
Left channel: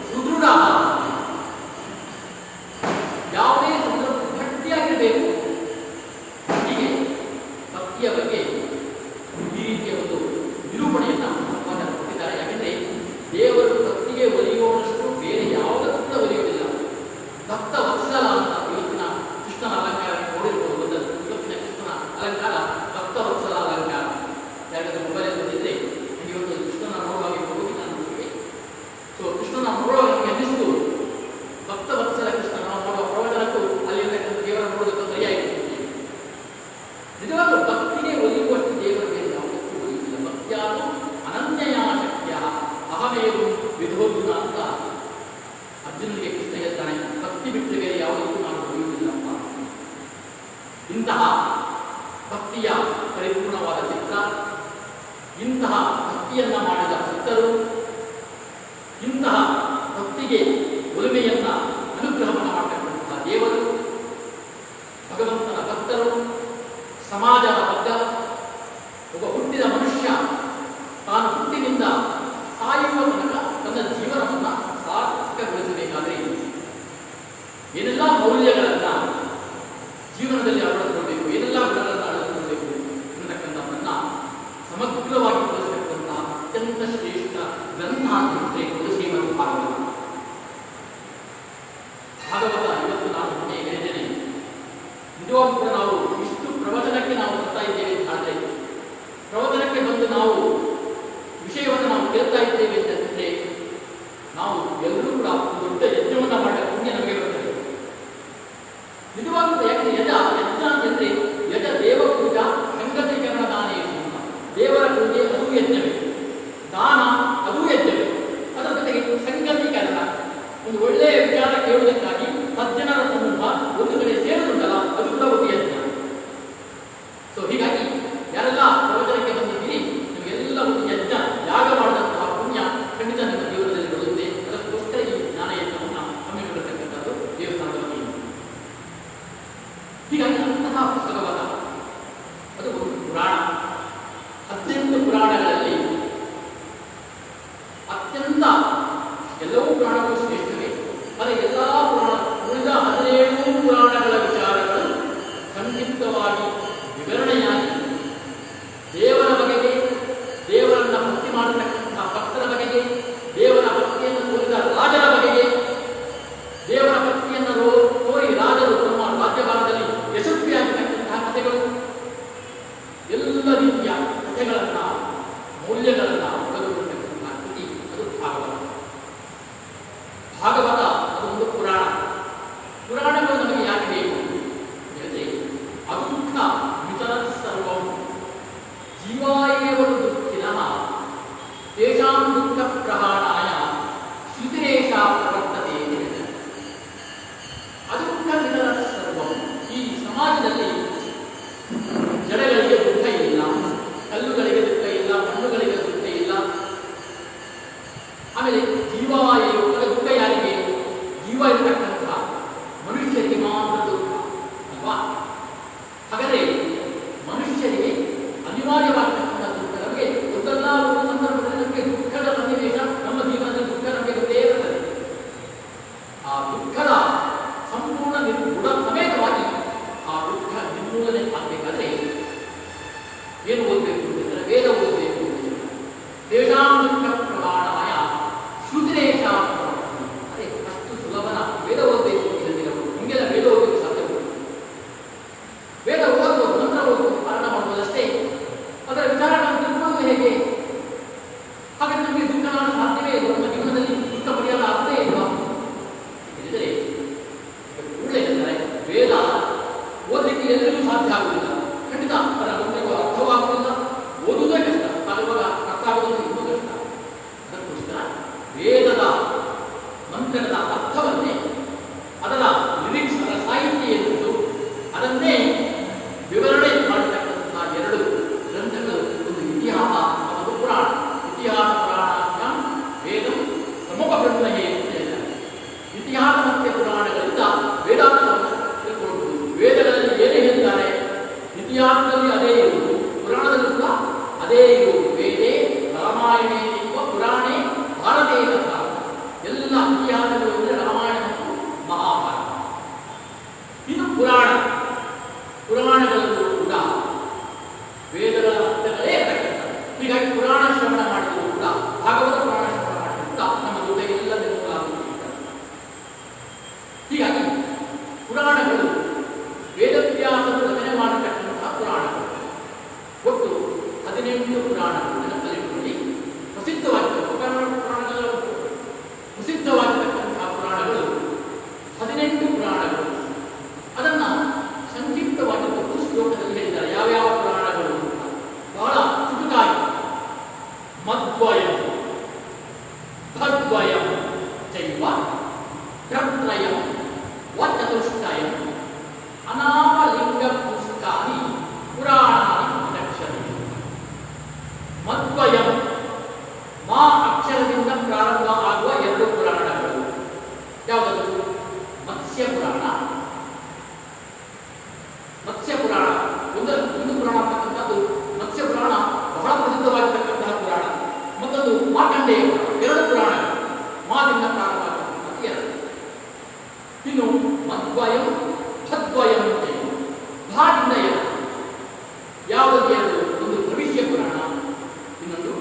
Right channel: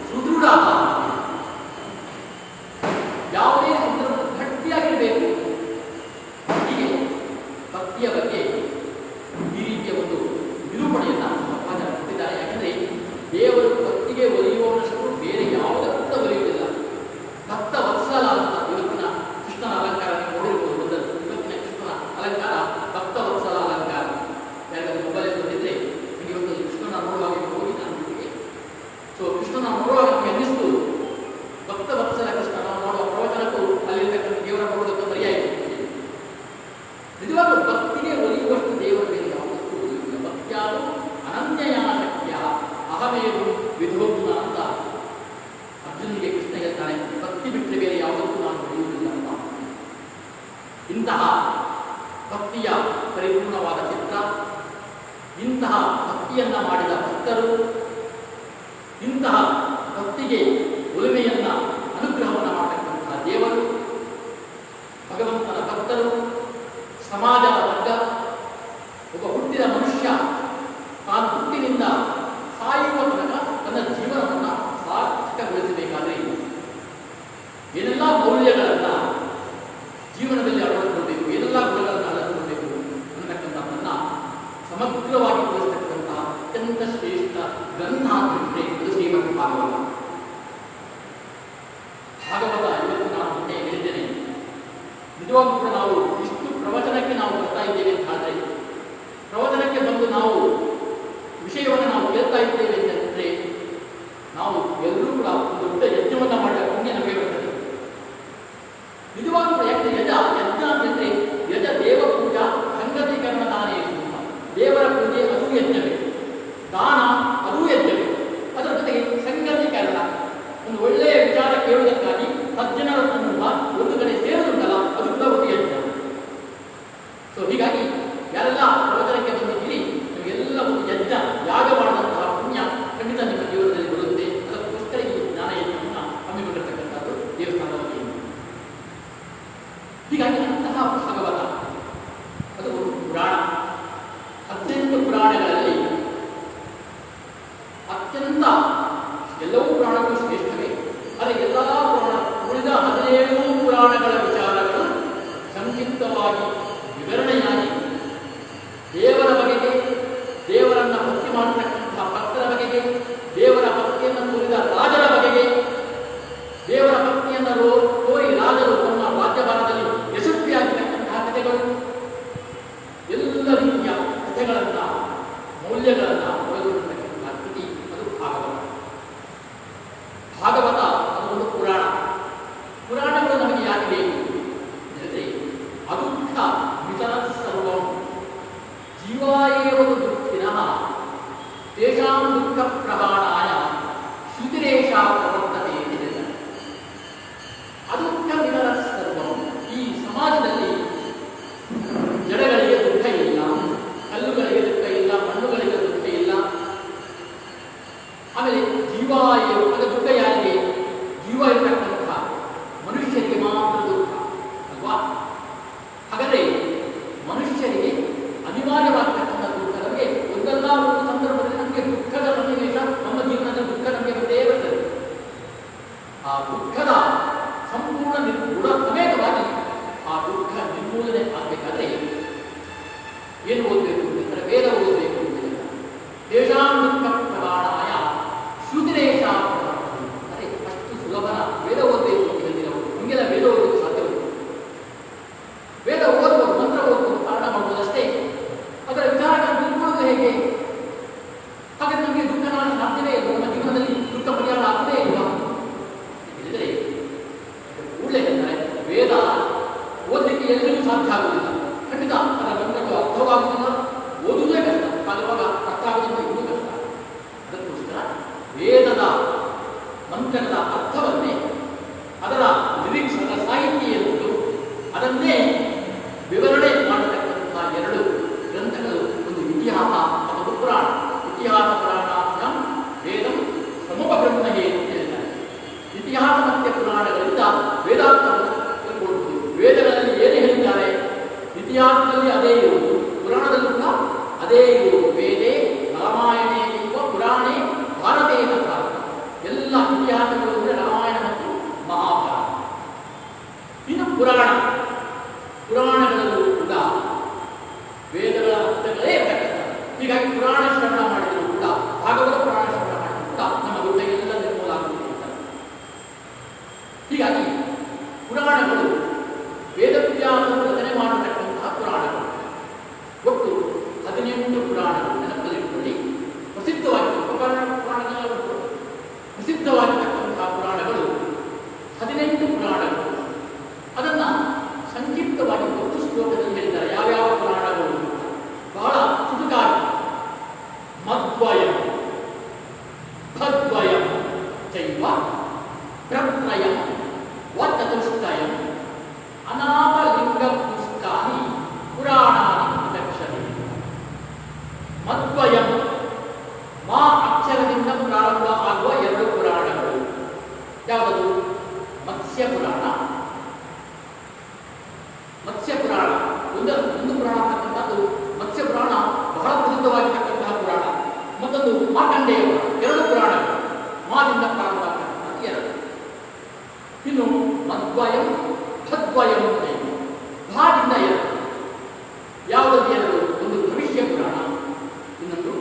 ಸುದೃಢ, ಯಾವುದೇ ಗಟ್ಟಿಯಾಗಿರಬೇಕು. ಹೀಗೆ ಭಕ್ತಿಯ ಬಗ್ಗೆ ಈ ರೀತಿಯ ಒಂದು ನಿರೂಪಣೆಯನ್ನು ಕೊಟ್ಟಿದ್ದಾರೆ. ಯಾಕಂದ್ರೆ ದೇವರು ಭಕ್ತಿಗೆ ಒಲಿಯುವಷ್ಟು ಬೇರೆ ಯಾವುದಕ್ಕೂ ಕೂಡ ಒಲಿಯುವುದಿಲ್ಲ. ಭಕ್ತ ವತ್ಸಲ ಅಂತ ಇವತ್ತಿನ ಕೃಷ್ಣನ ಅಲಂಕಾರ ನೋಡಿರ್ಬೋದು. ಇವತ್ತಿನ ಕೃಷ್ಣನ ಅಲಂಕಾರ ಭಕ್ತ ವತ್ಸಲ ಅಲಂಕಾರ. ಯಾಕಂದ್ರೆ ಮೊಬೈಲ್ ಬಂದಿದ್ರೆ ಇವತ್ತು ಕೃಷ್ಣನ ನೋಡುವಾಗ ಹೋಗಿ ನಾನು ಸೊ ಕೃಷ್ಣನ ನೋಡುವಾಗ ನಮಗೆ ಅನ್ನಿಸ್ತು, ಭಕ್ತ ವತ್ಸಲ ಕೃಷ್ಣ ನಾವು ಮಾಡುವ ಪ್ರವಚನಕ್ಕೂ ಅಲ್ಲಿರ್ತಕ್ಕಂಥ ದೇವರ ನೋಡೋದಕ್ಕೆ ಸರಿಯಾಯಿತು. ನಿಜವಾಗ್ಲೂ ಭಕ್ತಿಗೆ ಒಲಿಯುವಷ್ಟು ದೇವರ ಬೇರೆ ಯಾವುದಕ್ಕೂ ಒಲಿಯುವುದಿಲ್ಲ. ಭಕ್ತಿಯಾದ ಅನನ್ಯಯ ಶಕ್ತಿಯ ಅಹಮೇವು ವಿಧೋಗುಣ ಅಂತ ಅರ್ಜುನಿಗೆ ಕೃಷ್ಣ ಹೇಳ್ತಾನೆ. ಭಕ್ತಿ ಬಿಟ್ಟು ಬೇರೆ ಯಾವುದಕ್ಕೂ ನಾನು ಒಲಿಯುವುದಿಲ್ಲ ಅಂತ. ಇಂತಹ ಭಕ್ತಿಯ ಪರಿಪೂರ್ಣವಾದ ಚಿತ್ರ, ಇಂತಹ ಭಕ್ತಿಯನ್ನ ಮಾಡಿದ ಭಕ್ತರು, ಇಂತಹ ಭಕ್ತಿಗೆ ಒಲುಮೆಯನ್ನ ಅನುಗ್ರಹವನ್ನು ಮಾಡತಕ್ಕಂತಹ ದೇವರು, ಭಗವಂತನ ಭಕ್ತರು, ಸಮಾಜದ ವರ್ಗ, ಒಬ್ಬ ಹುಟ್ಟಿದ ಮನುಷ್ಯ ತಾನು ಹುಟ್ಟಿನಿಂದ ಸಾಯುವ ತನಕ ತನ್ನ ಜೀವನವನ್ನು ಸಾರ್ಥಕಗೊಳಿಸಬೇಕಾದರೆ ಏನೆಲ್ಲ ಮೌಲ್ಯಗಳನ್ನು ಜೀವನದಲ್ಲಿ ಅಳವಡಿಸಿಕೊಳ್ಳಬೇಕು, ಏನೆಲ್ಲ ಗುಣಗಳನ್ನು ಅಳವಡಿಸಿಕೊಳ್ಳಬೇಕು ಅನ್ನತಕ್ಕಂಥದ್ದನ್ನು ಸಮಗ್ರವಾಗಿ ತೋರಿಸತಕ್ಕಂತಹ ಅತ್ಯಂತ ಶ್ರೇಷ್ಠ ಗ್ರಂಥ ಅಂತಂದ್ರೆ ಇದು ಶ್ರೀಮದ್ ಭಾಗವತ. ಭಾಗವತ ಇವತ್ತು ನಾನು ಮೊನ್ನೆ ಹೇಳಿದ್ದೇನೆ, ನಿಜವಾಗೂ ಕೂಡ ನಾವು ಇಷ್ಟು ಪ್ರವಚನಕ್ಕೆ ನಾವು ಬರ್ತಾ ಇದ್ದೇವೆ ಅಂತ ಹೇಳಿದ್ರೆ, ಪ್ರವಚನಕ್ಕೆ ಬಂದು ನಾವು ವಿಷಯವನ್ನು ನಾವು ಕೇಳ್ತಾ ಇದ್ದೇವೆ ಅಂತಂದ್ರೆ ನಾವು ಎಲ್ಲರೂ ಕೂಡ ಒಂದು ದೊಡ್ಡ ಯಜ್ಞವನ್ನು ಮಾಡುವ ಪುಣ್ಯ ನಮಗೆ ಬರ್ತದೆ. ನಿಜವಾಗೂ ಯಾಕೆ ಯಜ ಅಂತಂದ್ರೆ ಯಜ ದೇವ ಪೂಜಾ ಸಂಗತೀಕರಣ ದಾನ, ದೇವರ ಪೂಜೆ ಅದು ಯಜ್ಞವೇ, ದಾನ ಅದು ಯಜ್ಞವೇ. ಅದರ ಜೊತೆಗೆ ಸಂಗತೀಕರಣ, ಒಂದು ಒಳ್ಳೆಯ ವಿಚಾರ ಕೇಳುವುದಕ್ಕಾಗಿ ಸಜ್ಜನರ ತುಂಬ ಒಂದು ಕಡೆ ಸೇರುವುದಲ್ಲ, ಅದು ಕೂಡ ಒಂದು ಯಜ್ಞ. ಸೊ ಹೀಗಾಗಿ ಮೌಲ್ಯಗಳನ್ನು ಒಳಗೊಂಡಿರ್ತಕ್ಕಂಥ ಕೃತಿ ಅದು ಭಾಗವತ. ಭಾಗವತ ಅದು ಒಂದು ಪುರಾಣ. ಪುರಾಣಗಳು ನಮಗೆ ಯಾಕೆ ಬೇಕು ಹೇಳಿದ್ರೆ ಅದುಃಖ ವಿತರ ಸರ್ವಂ ಜೀವಾಯೇವ ದುಃಖಿನಃ ತೇಷಾಂ ದುಃಖ ಪ್ರಮಾಣಾಯ ಶ್ರುತಿರೇಷ ಪ್ರವರ್ತತೆ ಎಂದು ಹೇಳಿದ್ದಾರೆ. ಅದುಃಖ ವಿತರ ಸರ್ವಂ, ಈ ಸಮಾಜದಲ್ಲಿ ಜನಗಳಿಗೆ ದುಃಖ ಇಲ್ಲ, ಕಲ್ಲುಗಳಿಗೆ ದುಃಖ ಇಲ್ಲ, ಮಣ್ಣುಗಳಿಗೆ ದುಃಖ ಇಲ್ಲ. ಆಮೇಲೆ ಜೀವಾಯು ದುಃಖ ಯಾರಿಗೆ? ಜೀವ ಇರತಕ್ಕಂಥ ಮನುಷ್ಯರಿಗೆ ಮಾತ್ರ ದುಃಖ ಅಲ್ವಾ? ಹಾಗಾದರೆ ಮನುಷ್ಯರಿಗೆ ಅನಿವಾರ್ಯವಾಗತಕ್ಕಂಥ ದುಃಖ ನಮಗೆ ಒಂದಲ್ಲ ಒಂದು ಸಂದರ್ಭದಲ್ಲಿ ನಮಗೆ ದುಃಖದ ಸನ್ನಿವೇಶ ನಮ್ಮ ಜೀವನದಲ್ಲಿ ದುಃಖ ನಮಗೆ ಗೊತ್ತೇ ಇರುತ್ತದೆ. ಆ ದುಃಖದ ಸಂಪೂರ್ಣ ನಿರ್ಗುಣ ಸಮೇತವಾಗಿ ಆ ದುಃಖ ನಿರ್ಮೂಲನೆ ಆಗಬೇಕಾದ್ರೆ ಏನು ಓದಬೇಕು ಅಂದರೆ ವೇದ ಓದಬೇಕು. ತೇಷಾಂ ದುಃಖ ಪ್ರಮಾಣಾಯ ಶ್ರುತಿರೇಷ, ಅದೇ ಅಷ್ಟು ಸುಲಭನ ವೇದ ಓದಬೇಕು ಅಂತ ಹೇಳಿ ನಾವು ಹಿಂಗೆಲ್ಲ ವೇದ ಓದಲಿಕ್ಕೆ ಸಾಧ್ಯವಿಲ್ಲ. ವೇದ ಓದುವುದು, ಮಂತ್ರ ಓದುವುದು, ಪಾಠ ಮಾಡುವುದಷ್ಟೇ. ಅದರ ವಿಚಾರಗಳನ್ನು ತಿಳ್ಕೊಳ್ಳುವುದು ಹೇಗೆ? ಹಾಗಾದ್ರೆ ನಮಗೆ ದುಃಖ ನಾನು ಸಾಧ್ಯವೇ ಇಲ್ಲ, ನಮ್ಮ ಜೀವನದಲ್ಲಿ ದುಃಖ ಪರಿಹಾರ ಆಗದೇ ಇಲ್ಲ ಹೇಳಿದರೆ ಕೂಡಲೇ ಅಂದರೆ ವೇದ ಓದಲಿಕ್ಕೆ ಎಲ್ಲರಿಗೂ ಸಾಧ್ಯ ಆಗುವುದಿಲ್ಲ. ಖಂಡಿತ ಅದರ ಮಂತ್ರಗಳು ಅರ್ಥವಾಗುವುದಿಲ್ಲ, ಓದುವುದೇ ಕಷ್ಟ. ಆಗುವಾಗ ಅರ್ಥ ಆಗುವುದು ಇನ್ನೂ ಕಷ್ಟ. ಅದಕ್ಕೋಸ್ಕರ ವೇದದ ಮಂತ್ರದ ಅರ್ಥವನ್ನೇ, ಅದರ ಲಿರಿಕ್ಸ್, ಅದರ ಸಾಹಿತ್ಯ ಎನ್ನುವುದು ಅದನ್ನೇ ವಿವರಣೆ ಮಾಡತಕ್ಕಂತಹ ಎರಡು ಗ್ರಂಥಗಳು. ಒಂದು ಇತಿಹಾಸ, ಒಂದು ಪುರಾಣ. ಇತಿಹಾಸ ಪುರಾಣಾಭ್ಯಾಂ ವೇದಂ ಪ್ರಮುಖ ಬ್ರಹ್ಮಹೇ ಅಂತ ಹೇಳಿದ್ದಾರೆ. ಇತಿಹಾಸ ಮತ್ತು ಪುರಾಣಗಳಿಂದ ವೇದಾರ್ಥವನ್ನು ತಿಳ್ಕೊಳ್ಳುವುದು. ವೇದಗಳಲ್ಲಿ ಏನೇ ಹೇಳ್ತಾರೆ ಇತಿಹಾಸದಲ್ಲಿ ಅದೇ ಇರುವುದು, ಪುರಾಣದಲ್ಲಿ ಕೂಡ ಅದೇ ಇರುವುದು. ವೇದೇ ರಾಮಾಯಣೇ ಎಂಬ ಪುರಾಣೇ ಭಾರತೇ ಭಾರತ. ಎಲ್ಲ ಇತಿಹಾಸಗಳು ಅಂದರೆ ರಾಮಾಯಣ ಮತ್ತು ಮಹಾಭಾರತ. ಇನ್ನು ಪುರಾಣಗಳಲ್ಲೂ ಕೂಡ ವೇದಗಳ ಅರ್ಥಗಳೇ ಇರತಕ್ಕಂಥ. ಹೀಗಾಗಿ ಪುರಾಣ ಶ್ರವಣ ಮಾಡಿದರೂ ಕೂಡ, ಭಾಗವತ ಪುರಾಣ ಶ್ರವಣ ಮಾಡಿದರೂ ಕೂಡ ನಮ್ಮ ಹೃದಯ ನಿರ್ಮೂಲ ಆಗುತ್ತಿರುತ್ತದೆ. ಹೀಗಾಗಿ ಪುರಾಣಗಳು ವೇದವ್ಯಾಸರು ರಚನೆ ಮಾಡತಕ್ಕಂತಹ ಪುರಾಣಗಳು ಒಟ್ಟು 18 ಪುರಾಣಗಳು. ನೆನಪಲ್ಲಿಟ್ಟುಕೊಳ್ಳಿ, ಪ್ರಸಿದ್ಧವಾಗಿರ್ತಕ್ಕಂತಹ ಪುರಾಣಗಳು 18 ಪುರಾಣಗಳು. ಅದನ್ನು ಸಂಕ್ಷಿಪ್ತವಾಗಿ 10 ಶ್ಲೋಕದಲ್ಲಿ ಹೇಳಿದ್ದಾರೆ. ಯಾವ್ಯಾವ ಪುರಾಣಗಳು ಅಂತ ಬಹಳ ಚುಟುಕಾಗಿ: ಮದ್ವಯಂ, ಭದ್ವಯಂ ಚೈವ ಪ್ರತ್ರಯಂ ವಚತುಷ್ಟಯಂ ಅನಾಮಲಿಂಗ ಪುಸ್ತಕಾನಿ ಪುರಾಣಾನಿ ಪ್ರದಕ್ಷಿಣೆ. ಮದ್ವಯಂ, ಮಾ ಅಕ್ಷರದಿಂದ ಪ್ರಾರಂಭ ಆಗುವ 2 ಪುರಾಣಗಳು. ಯಾವುದದು? ಮತ್ಸ್ಯ ಪುರಾಣ. ಒಂದು ಪುರಾಣ ಅಂತಕ್ಕಂಥದ್ದು ಮತ್ಸ್ಯ ಪುರಾಣ, ಬಹಳ ಪ್ರಸಿದ್ಧವಾಗಿರ್ತಕ್ಕಂತಹ ಪುರಾಣ. ಮತ್ತೊಂದು ಮಾರ್ಕಂಡೇಯ ಪುರಾಣ. 2 ಪುರಾಣಗಳು, ಮಾದಿಂದ ಪ್ರಾರಂಭ ಆಗ್ತಕ್ಕಂಥ 2. ಇನ್ನು ಮದ್ವಯಂ, ಭದ್ವಯಂ ಅಂತ ಇದೆ. ಭಾದಿಂದ 2. ಯಾವುದಕ್ಕೆ 2? ಒಂದು ಭವಿಷ್ಯ ಪುರಾಣ, ಇನ್ನೊಂದು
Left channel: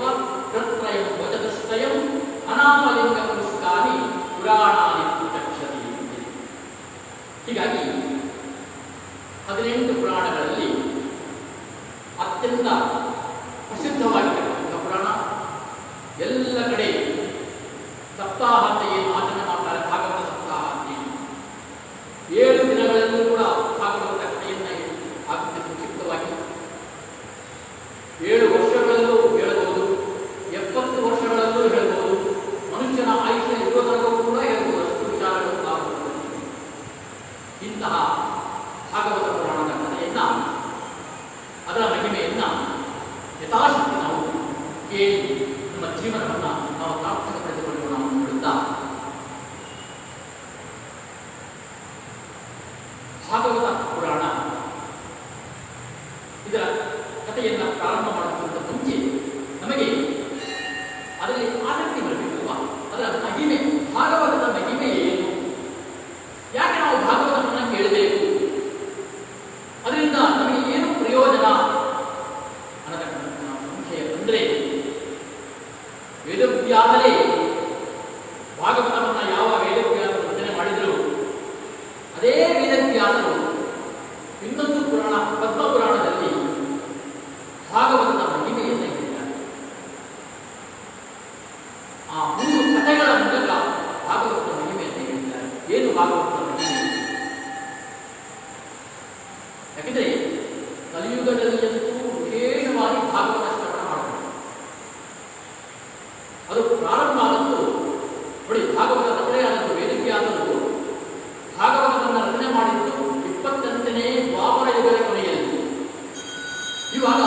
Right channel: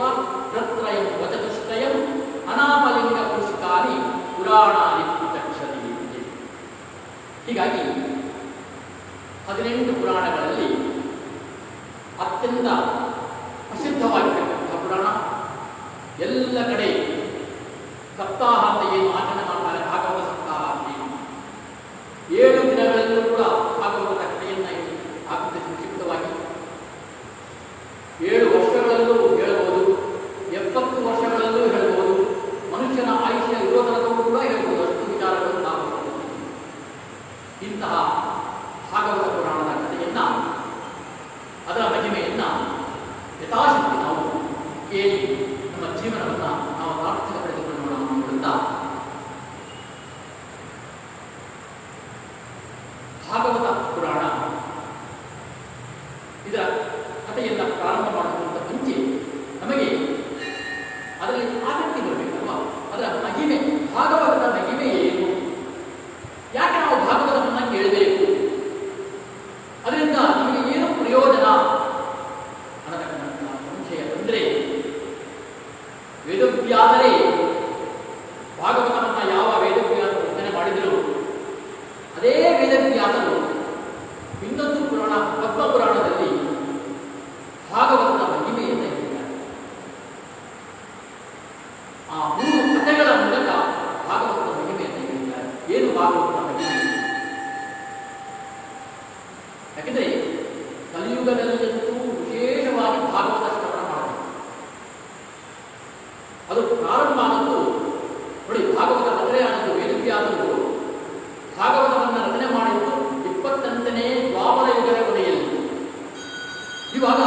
ಏವ ಪ್ರತ್ರಯಂ ವಚನಸ್ತಯಂ ಅನಾಮಲಿಂಗ ಪುಸ್ತಕಾನಿ ಪುರಾಣಾನಿ ಪ್ರತ್ಯಕ್ಷತಿ. ಹೀಗಾಗಿ 18 ಪುರಾಣಗಳಲ್ಲಿ ಅತ್ಯಂತ ಪ್ರಸಿದ್ಧವಾಗಿರ್ತಕ್ಕಂಥ ಪುರಾಣ, ಎಲ್ಲ ಕಡೆ ಸಪ್ತಾಹ ಅಂತ ಏನು ಆಚರಣೆ ಮಾಡ್ತಾರೆ, ಭಾಗವತ ಸಪ್ತಾಹ ಅಂತ 7 ದಿನಗಳಲ್ಲೂ ಕೂಡ ಭಾಗವತ ಕಥೆಯನ್ನು ಆಗುತ್ತೆ ಸಂಕ್ಷಿಪ್ತವಾಗಿ. 7 ವರ್ಷಗಳಲ್ಲೂ ಹೇಳಬಹುದು, 70 ವರ್ಷಗಳಲ್ಲೂ ಹೇಳಬಹುದು, ಮನುಷ್ಯನ ಆಯುಷ್ಯ ಇರೋದರಲ್ಲೂ ಕೂಡ ಹೇಳಬಹುದು. ಅಷ್ಟು ವಿಚಾರಗಳು ನಾವು ಇಂತಹ ಭಾಗವತ ಪುರಾಣದ ಕಥೆಯನ್ನ, ಅದರ ಮಹಿಮೆಯನ್ನ ಯಥಾಶಕ್ತಿ ನಾವು ಕೇಳಿ ನಮ್ಮ ಜೀವನವನ್ನು ನಾವು ಸಾರ್ಥಕ ಪಡೆದುಕೊಂಡು ನಾವು ನೋಡುತ್ತಾ ಭಾಗವತ ಪುರಾಣ ಇದರ ಕಥೆಯನ್ನು ಪ್ರಾರಂಭ ಮಾಡೋದಕ್ಕಿಂತ ಮುಂಚೆ ನಮಗೆ ಅದರಲ್ಲಿ ಆಸಕ್ತಿ ಬರಬೇಕಲ್ವಾ? ಅದರ ಮಹಿಮೆ, ಭಾಗವತದ ಮಹಿಮೆ ಏನು, ಯಾಕೆ ನಾವು ಭಾಗವತವನ್ನು ಕೇಳಬೇಕು, ಅದರಿಂದ ನಮಗೆ ಏನು ಪ್ರಯೋಜನ ಅನ್ನತಕ್ಕಂಥ ಸಂಶಯ ಬಂದರೆ, ವೇದವ್ಯಾಸರೇ ಭಾಗವತವನ್ನು ಯಾವ ವೇದವ್ಯಾಸರು ರಚನೆ ಮಾಡಿದರು, ಅದೇ ವೇದವ್ಯಾಸರು ಇನ್ನೊಂದು ಪುರಾಣ ಪದ್ಮ ಪುರಾಣದಲ್ಲಿ ಭಾಗವತದ ಮಹಿಮೆಯನ್ನು ಹೇಳಿದ್ದಾರೆ. ಆ 3 ಕಥೆಗಳ ಮೂಲಕ ಭಾಗವತದ ಮಹಿಮೆಯನ್ನು ಹೇಳಿದ್ದಾರೆ. ಏನು ಭಾಗವತದ ಮಹಿಮೆ? ಯಾಕೆಂದರೆ ಕಲಿಯುಗದಲ್ಲಂತೂ ವಿಶೇಷವಾಗಿ ಭಾಗವತ ಶ್ರವಣ ಮಾಡಬೇಕು. ಅದು ಪ್ರಾರಂಭ ಆದದ್ದು ನೋಡಿ, ಭಾಗವತ ರಚನೆ ಆದದ್ದು ವೇದವ್ಯಾಸರು ಭಾಗವತವನ್ನು ರಚನೆ ಮಾಡಿದ್ದು 28ನೇ ದ್ವಾಪರ ಯುಗದ ಕೊನೆಯಲ್ಲಿ. ಇವಾಗ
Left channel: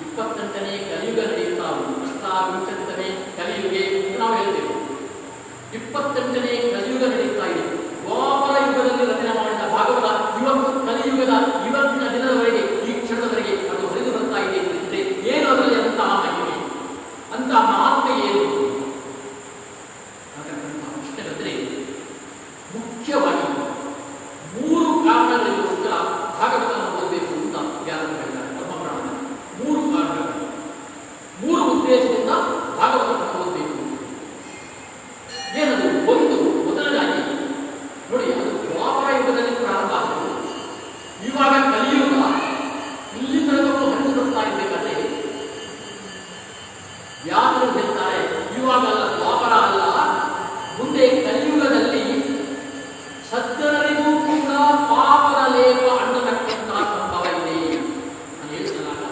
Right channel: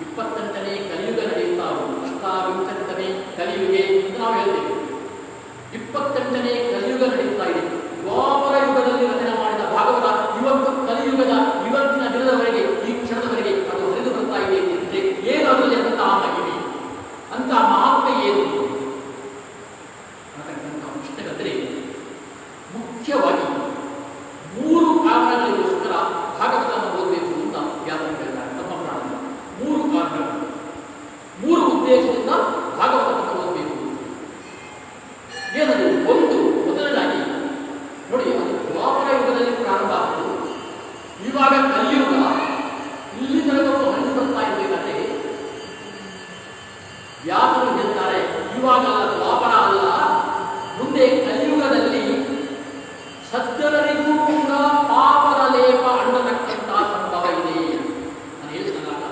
28ನೇ ಕಲಿಯುಗ ನಡೆಯುತ್ತಾ ಉಂಟು. ಅಷ್ಟಾವಿಂಶತನೇ ಕಲಿಯುಗೆ ಅಂತ ನಾವು ಹೇಳ್ತೇವೆ. 28ನೇ ಕಲಿಯುಗ ನಡೆಯುತ್ತಾ ಇದೆ. ದ್ವಾಪರ ಯುಗದಲ್ಲಿ ರಚನೆ ಮಾಡಿದ ಭಾಗವತ ಇವತ್ತು ಕಲಿಯುಗದ ಇವತ್ತಿನ ದಿನದವರೆಗೆ, ಈ ಕ್ಷಣದವರೆಗೆ ಅದು ಹರಿದು ಬರ್ತಾ ಇದೆ ಎಂದಿದ್ರೆ ಏನು ಅದರಲ್ಲಿ ಅಂತಹ ಮಹಿಮೆ, ಅಂತಹ ಮಹಾತ್ಮೆ ಏನು ಅಂತಕ್ಕಂಥ ಪ್ರಶ್ನೆ ಬಂದರೆ, ಮುಖ್ಯವಾಗಿ 3 ಕಾರಣಗಳಿಗೋಸ್ಕರ ಭಾಗವತವನ್ನು ಓದಬೇಕು ಅಂತ ವ್ಯಾಸರು ಹೇಳಿದ್ದಾರೆ ತಮ್ಮ ಪುರಾಣದಲ್ಲಿ. 3 ಕಾರಣಗಳು, 3 ಉದ್ದೇಶದಿಂದ ಭಾಗವತವನ್ನು ಓದಬೇಕು. ಏನದು? ಒಂದು, ಮೊದಲನೇದಾಗಿ ನೋಡಿ, ಅದು ದ್ವಾಪರ ಯುಗದಲ್ಲಿ ಪ್ರಾರಂಭ ಆಯಿತು. ಇವಾಗ ಕಲಿಯುಗ ಇಲ್ಲಿ ತನಕ ಹಣ್ಣು ಬರ್ತಾ ಇರಬೇಕಾದ್ರೆ ವ್ಯಾಸರು ಹೇಳ್ತಾರೆ, ಇವಾಗ ದ್ವಾಪರ ಅಲ್ಲ, ಮುಂದೆ ಕಲಿಯುಗದಲ್ಲಿ ಸಜ್ಜನರಿಗೂ ಕೂಡ ಪಾಪದ ಲೇಪ ಅಂಡತಕ್ಕಂಥ ಸಂಭವ ಇದೆ. ನಾನು ಹೇಳ್ತಾನಲ್ಲ,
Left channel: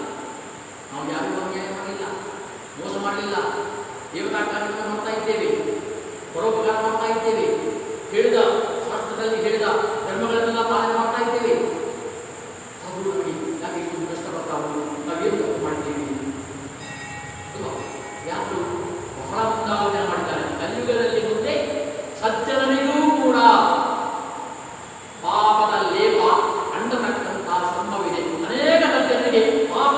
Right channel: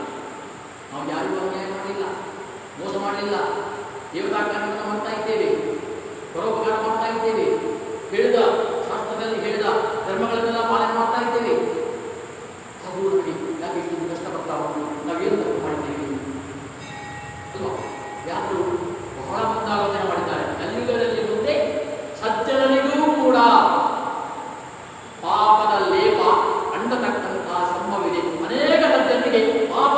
ನಾವು ಯಾರಿಗೂ ಅನ್ಯಾಯ ಮಾಡಲಿಲ್ಲ, ಮೋಸ ಮಾಡಲಿಲ್ಲ, ದೇವತಾ ಕಾರ್ಯಕ್ರಮ ಮಾಡ್ತಾ ಇದ್ದೇವೆ, ಪರೋಪಕಾರ ಮಾಡ್ತಾ ಇದ್ದೇವೆ, ಹೇಳಿದ ಶಾಸ್ತ್ರದಲ್ಲಿ ಹೇಳಿದ ಧರ್ಮಗಳನ್ನೆಲ್ಲ ಪಾಲನೆ ಮಾಡ್ತಾ ಇದ್ದೇವೆ. ಅದು ನೋಡಿ, ಯಾಕೆ ಇಷ್ಟು ಕಷ್ಟಪಡ್ತಾ ಉಂಟು, ನಾವೇನು ತಪ್ಪು ಮಾಡಿದ್ದೇವೆ? ಯಾರು ಬಹಳ ಮುಂದಾಲೋಚನೆ ಮಾಡಿದ್ದಾರೆ. ಕಲಿಯುಗದಲ್ಲಿ ಮುಂದೆ ಸಜ್ಜನರಿಗೂ ಕೂಡ ಪಾಪದ ಲೇಪ ಅಂಡತಕ್ಕಂತಹ ಸಂಭವವಿದೆ. ಅನೇಕ ಸಜ್ಜನರಿಗೆ ಪಾಪ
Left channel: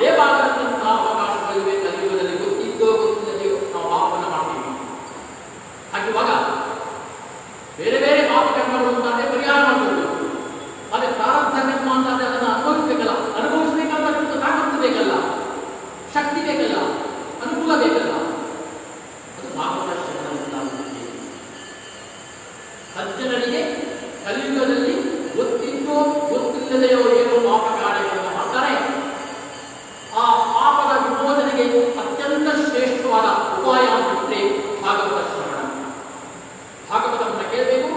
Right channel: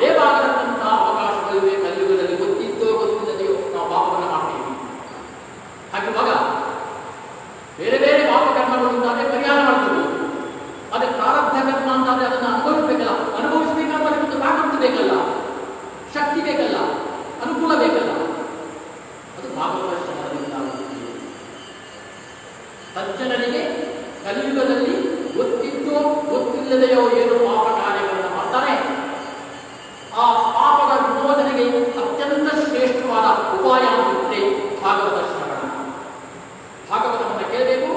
ಲೇಪ ಆಗತಕ್ಕಂತಹ ಅವಕಾಶಗಳಿವೆ ಕಲಿಯುಗದಲ್ಲಿ. ಗೊತ್ತಿದ್ದೋ ಗೊತ್ತಿಲ್ಲದೆಯೋ ನಾವು ಪಾಪವನ್ನು ಮಾಡ್ತೀವಿ. ಹಾಗಿರುವಾಗ ಬೇರೆ ಬೇರೆ ಪಾಪ ಕರ್ಮಗಳು ಅಂತಾದ್ರೆ ಪರಿಹಾರ ಮಾಡಬಹುದು. ಅದೇ ಪ್ರಾರಬ್ಧ ಕರ್ಮ ಅಂತಾದ್ರೆ ಅದನ್ನು ಅನುಭವಿಸಬೇಕಲ್ಲ, ಅನುಭವಿಸಬೇಕಾದ್ರೆ ತಾಕತ್ತು ಬೇಕಲ್ಲ, ಶಕ್ತಿ ಬೇಕಲ್ಲ, ಅನುಕೂಲ ಬೇಕಲ್ಲ. ಅದು ಭಾಗವತ ಶ್ರವಣದಿಂದ ಸಜ್ಜನರಿಗೆ ಕಲಿಯುಗದಲ್ಲಿ ಗೊತ್ತಿದ್ದೋ ಗೊತ್ತಿಲ್ಲದೆಯೋ ಏನು ಪಾಪ ಕಾರ್ಯಗಳನ್ನು ಮಾಡ್ತಾರೆ, ಆ ಪಾಪದ ವಿಮೋಚನೆಗೆ ಅತ್ಯಂತ ಶ್ರೇಷ್ಠವಾದ ಉಪಾಯ ಅಂತಿದ್ರೆ ಭಾಗವತ ಶ್ರವಣ. ಭಾಗವತವನ್ನು ಕೇಳಬೇಕು,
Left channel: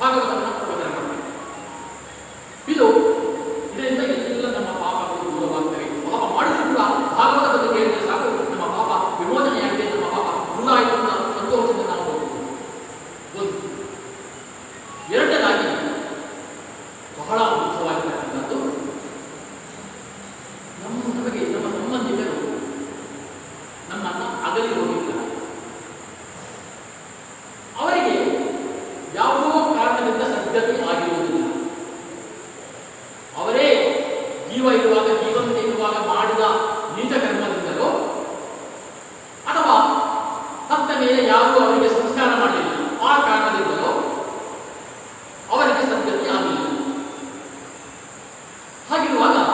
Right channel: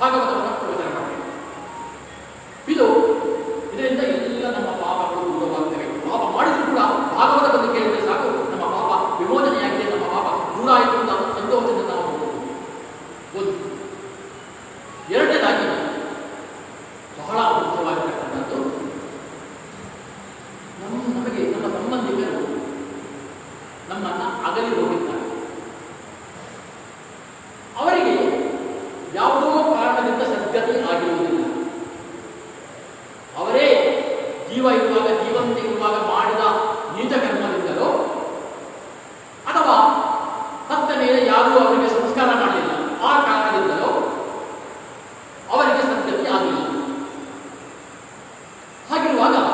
ಭಾಗವತವನ್ನು ಪ್ರವಚನ ಮಾಡಬೇಕು. ಇದರಿಂದ ಎಲ್ಲ ನಮ್ಮ ಪಾಪಗಳು ದೂರವಾಗ್ತವೆ. ಪಾಪ ಮಾಡಿದ್ರು ಕೂಡ ಭಾಗವತವನ್ನು ಕೇಳಿದರೆ ಸಾಕು, ನಮ್ಮ ಪಾಪ ವಿಮೋಚನೆಯಾಗಿದೆ, ನಮ್ಮ ಪಾಪ ದೂರ ಆಯಿತು ಅಂತ ಸಂತೋಷದಿಂದ ನಾವು ಹೋಗ್ಬೋದು. ಒಂದು. ಎರಡನೇದಾಗಿ ಬಹಳ ಮುಖ್ಯವಾಗಿರ್ತಕ್ಕಂಥದ್ದು, ನಮಗೆ ನಮ್ಮ ಸಂಬಂಧಿಕರು ನಮ್ಮನ್ನು ಅಗಲಿ ಹೋಗಿದ್ದಾರೆ. ಅವರಿಗೆ ಯಾವುದೋ ಕಾರಣದಿಂದ ಸದ್ಗತಿ ಆಗಿರುವುದಿಲ್ಲ. ಅವರೇ ಜೀವ ಇರುವಾಗ, ಜೀವಂತ ಇರುವಾಗ ಮಾಡಿದ ನೀಚ ಕರ್ಮದಿಂದಲೋ ಅಥವಾ ಸತ್ತ ಮೇಲೆ ಯಾರೂ ಅವರಿಗೆ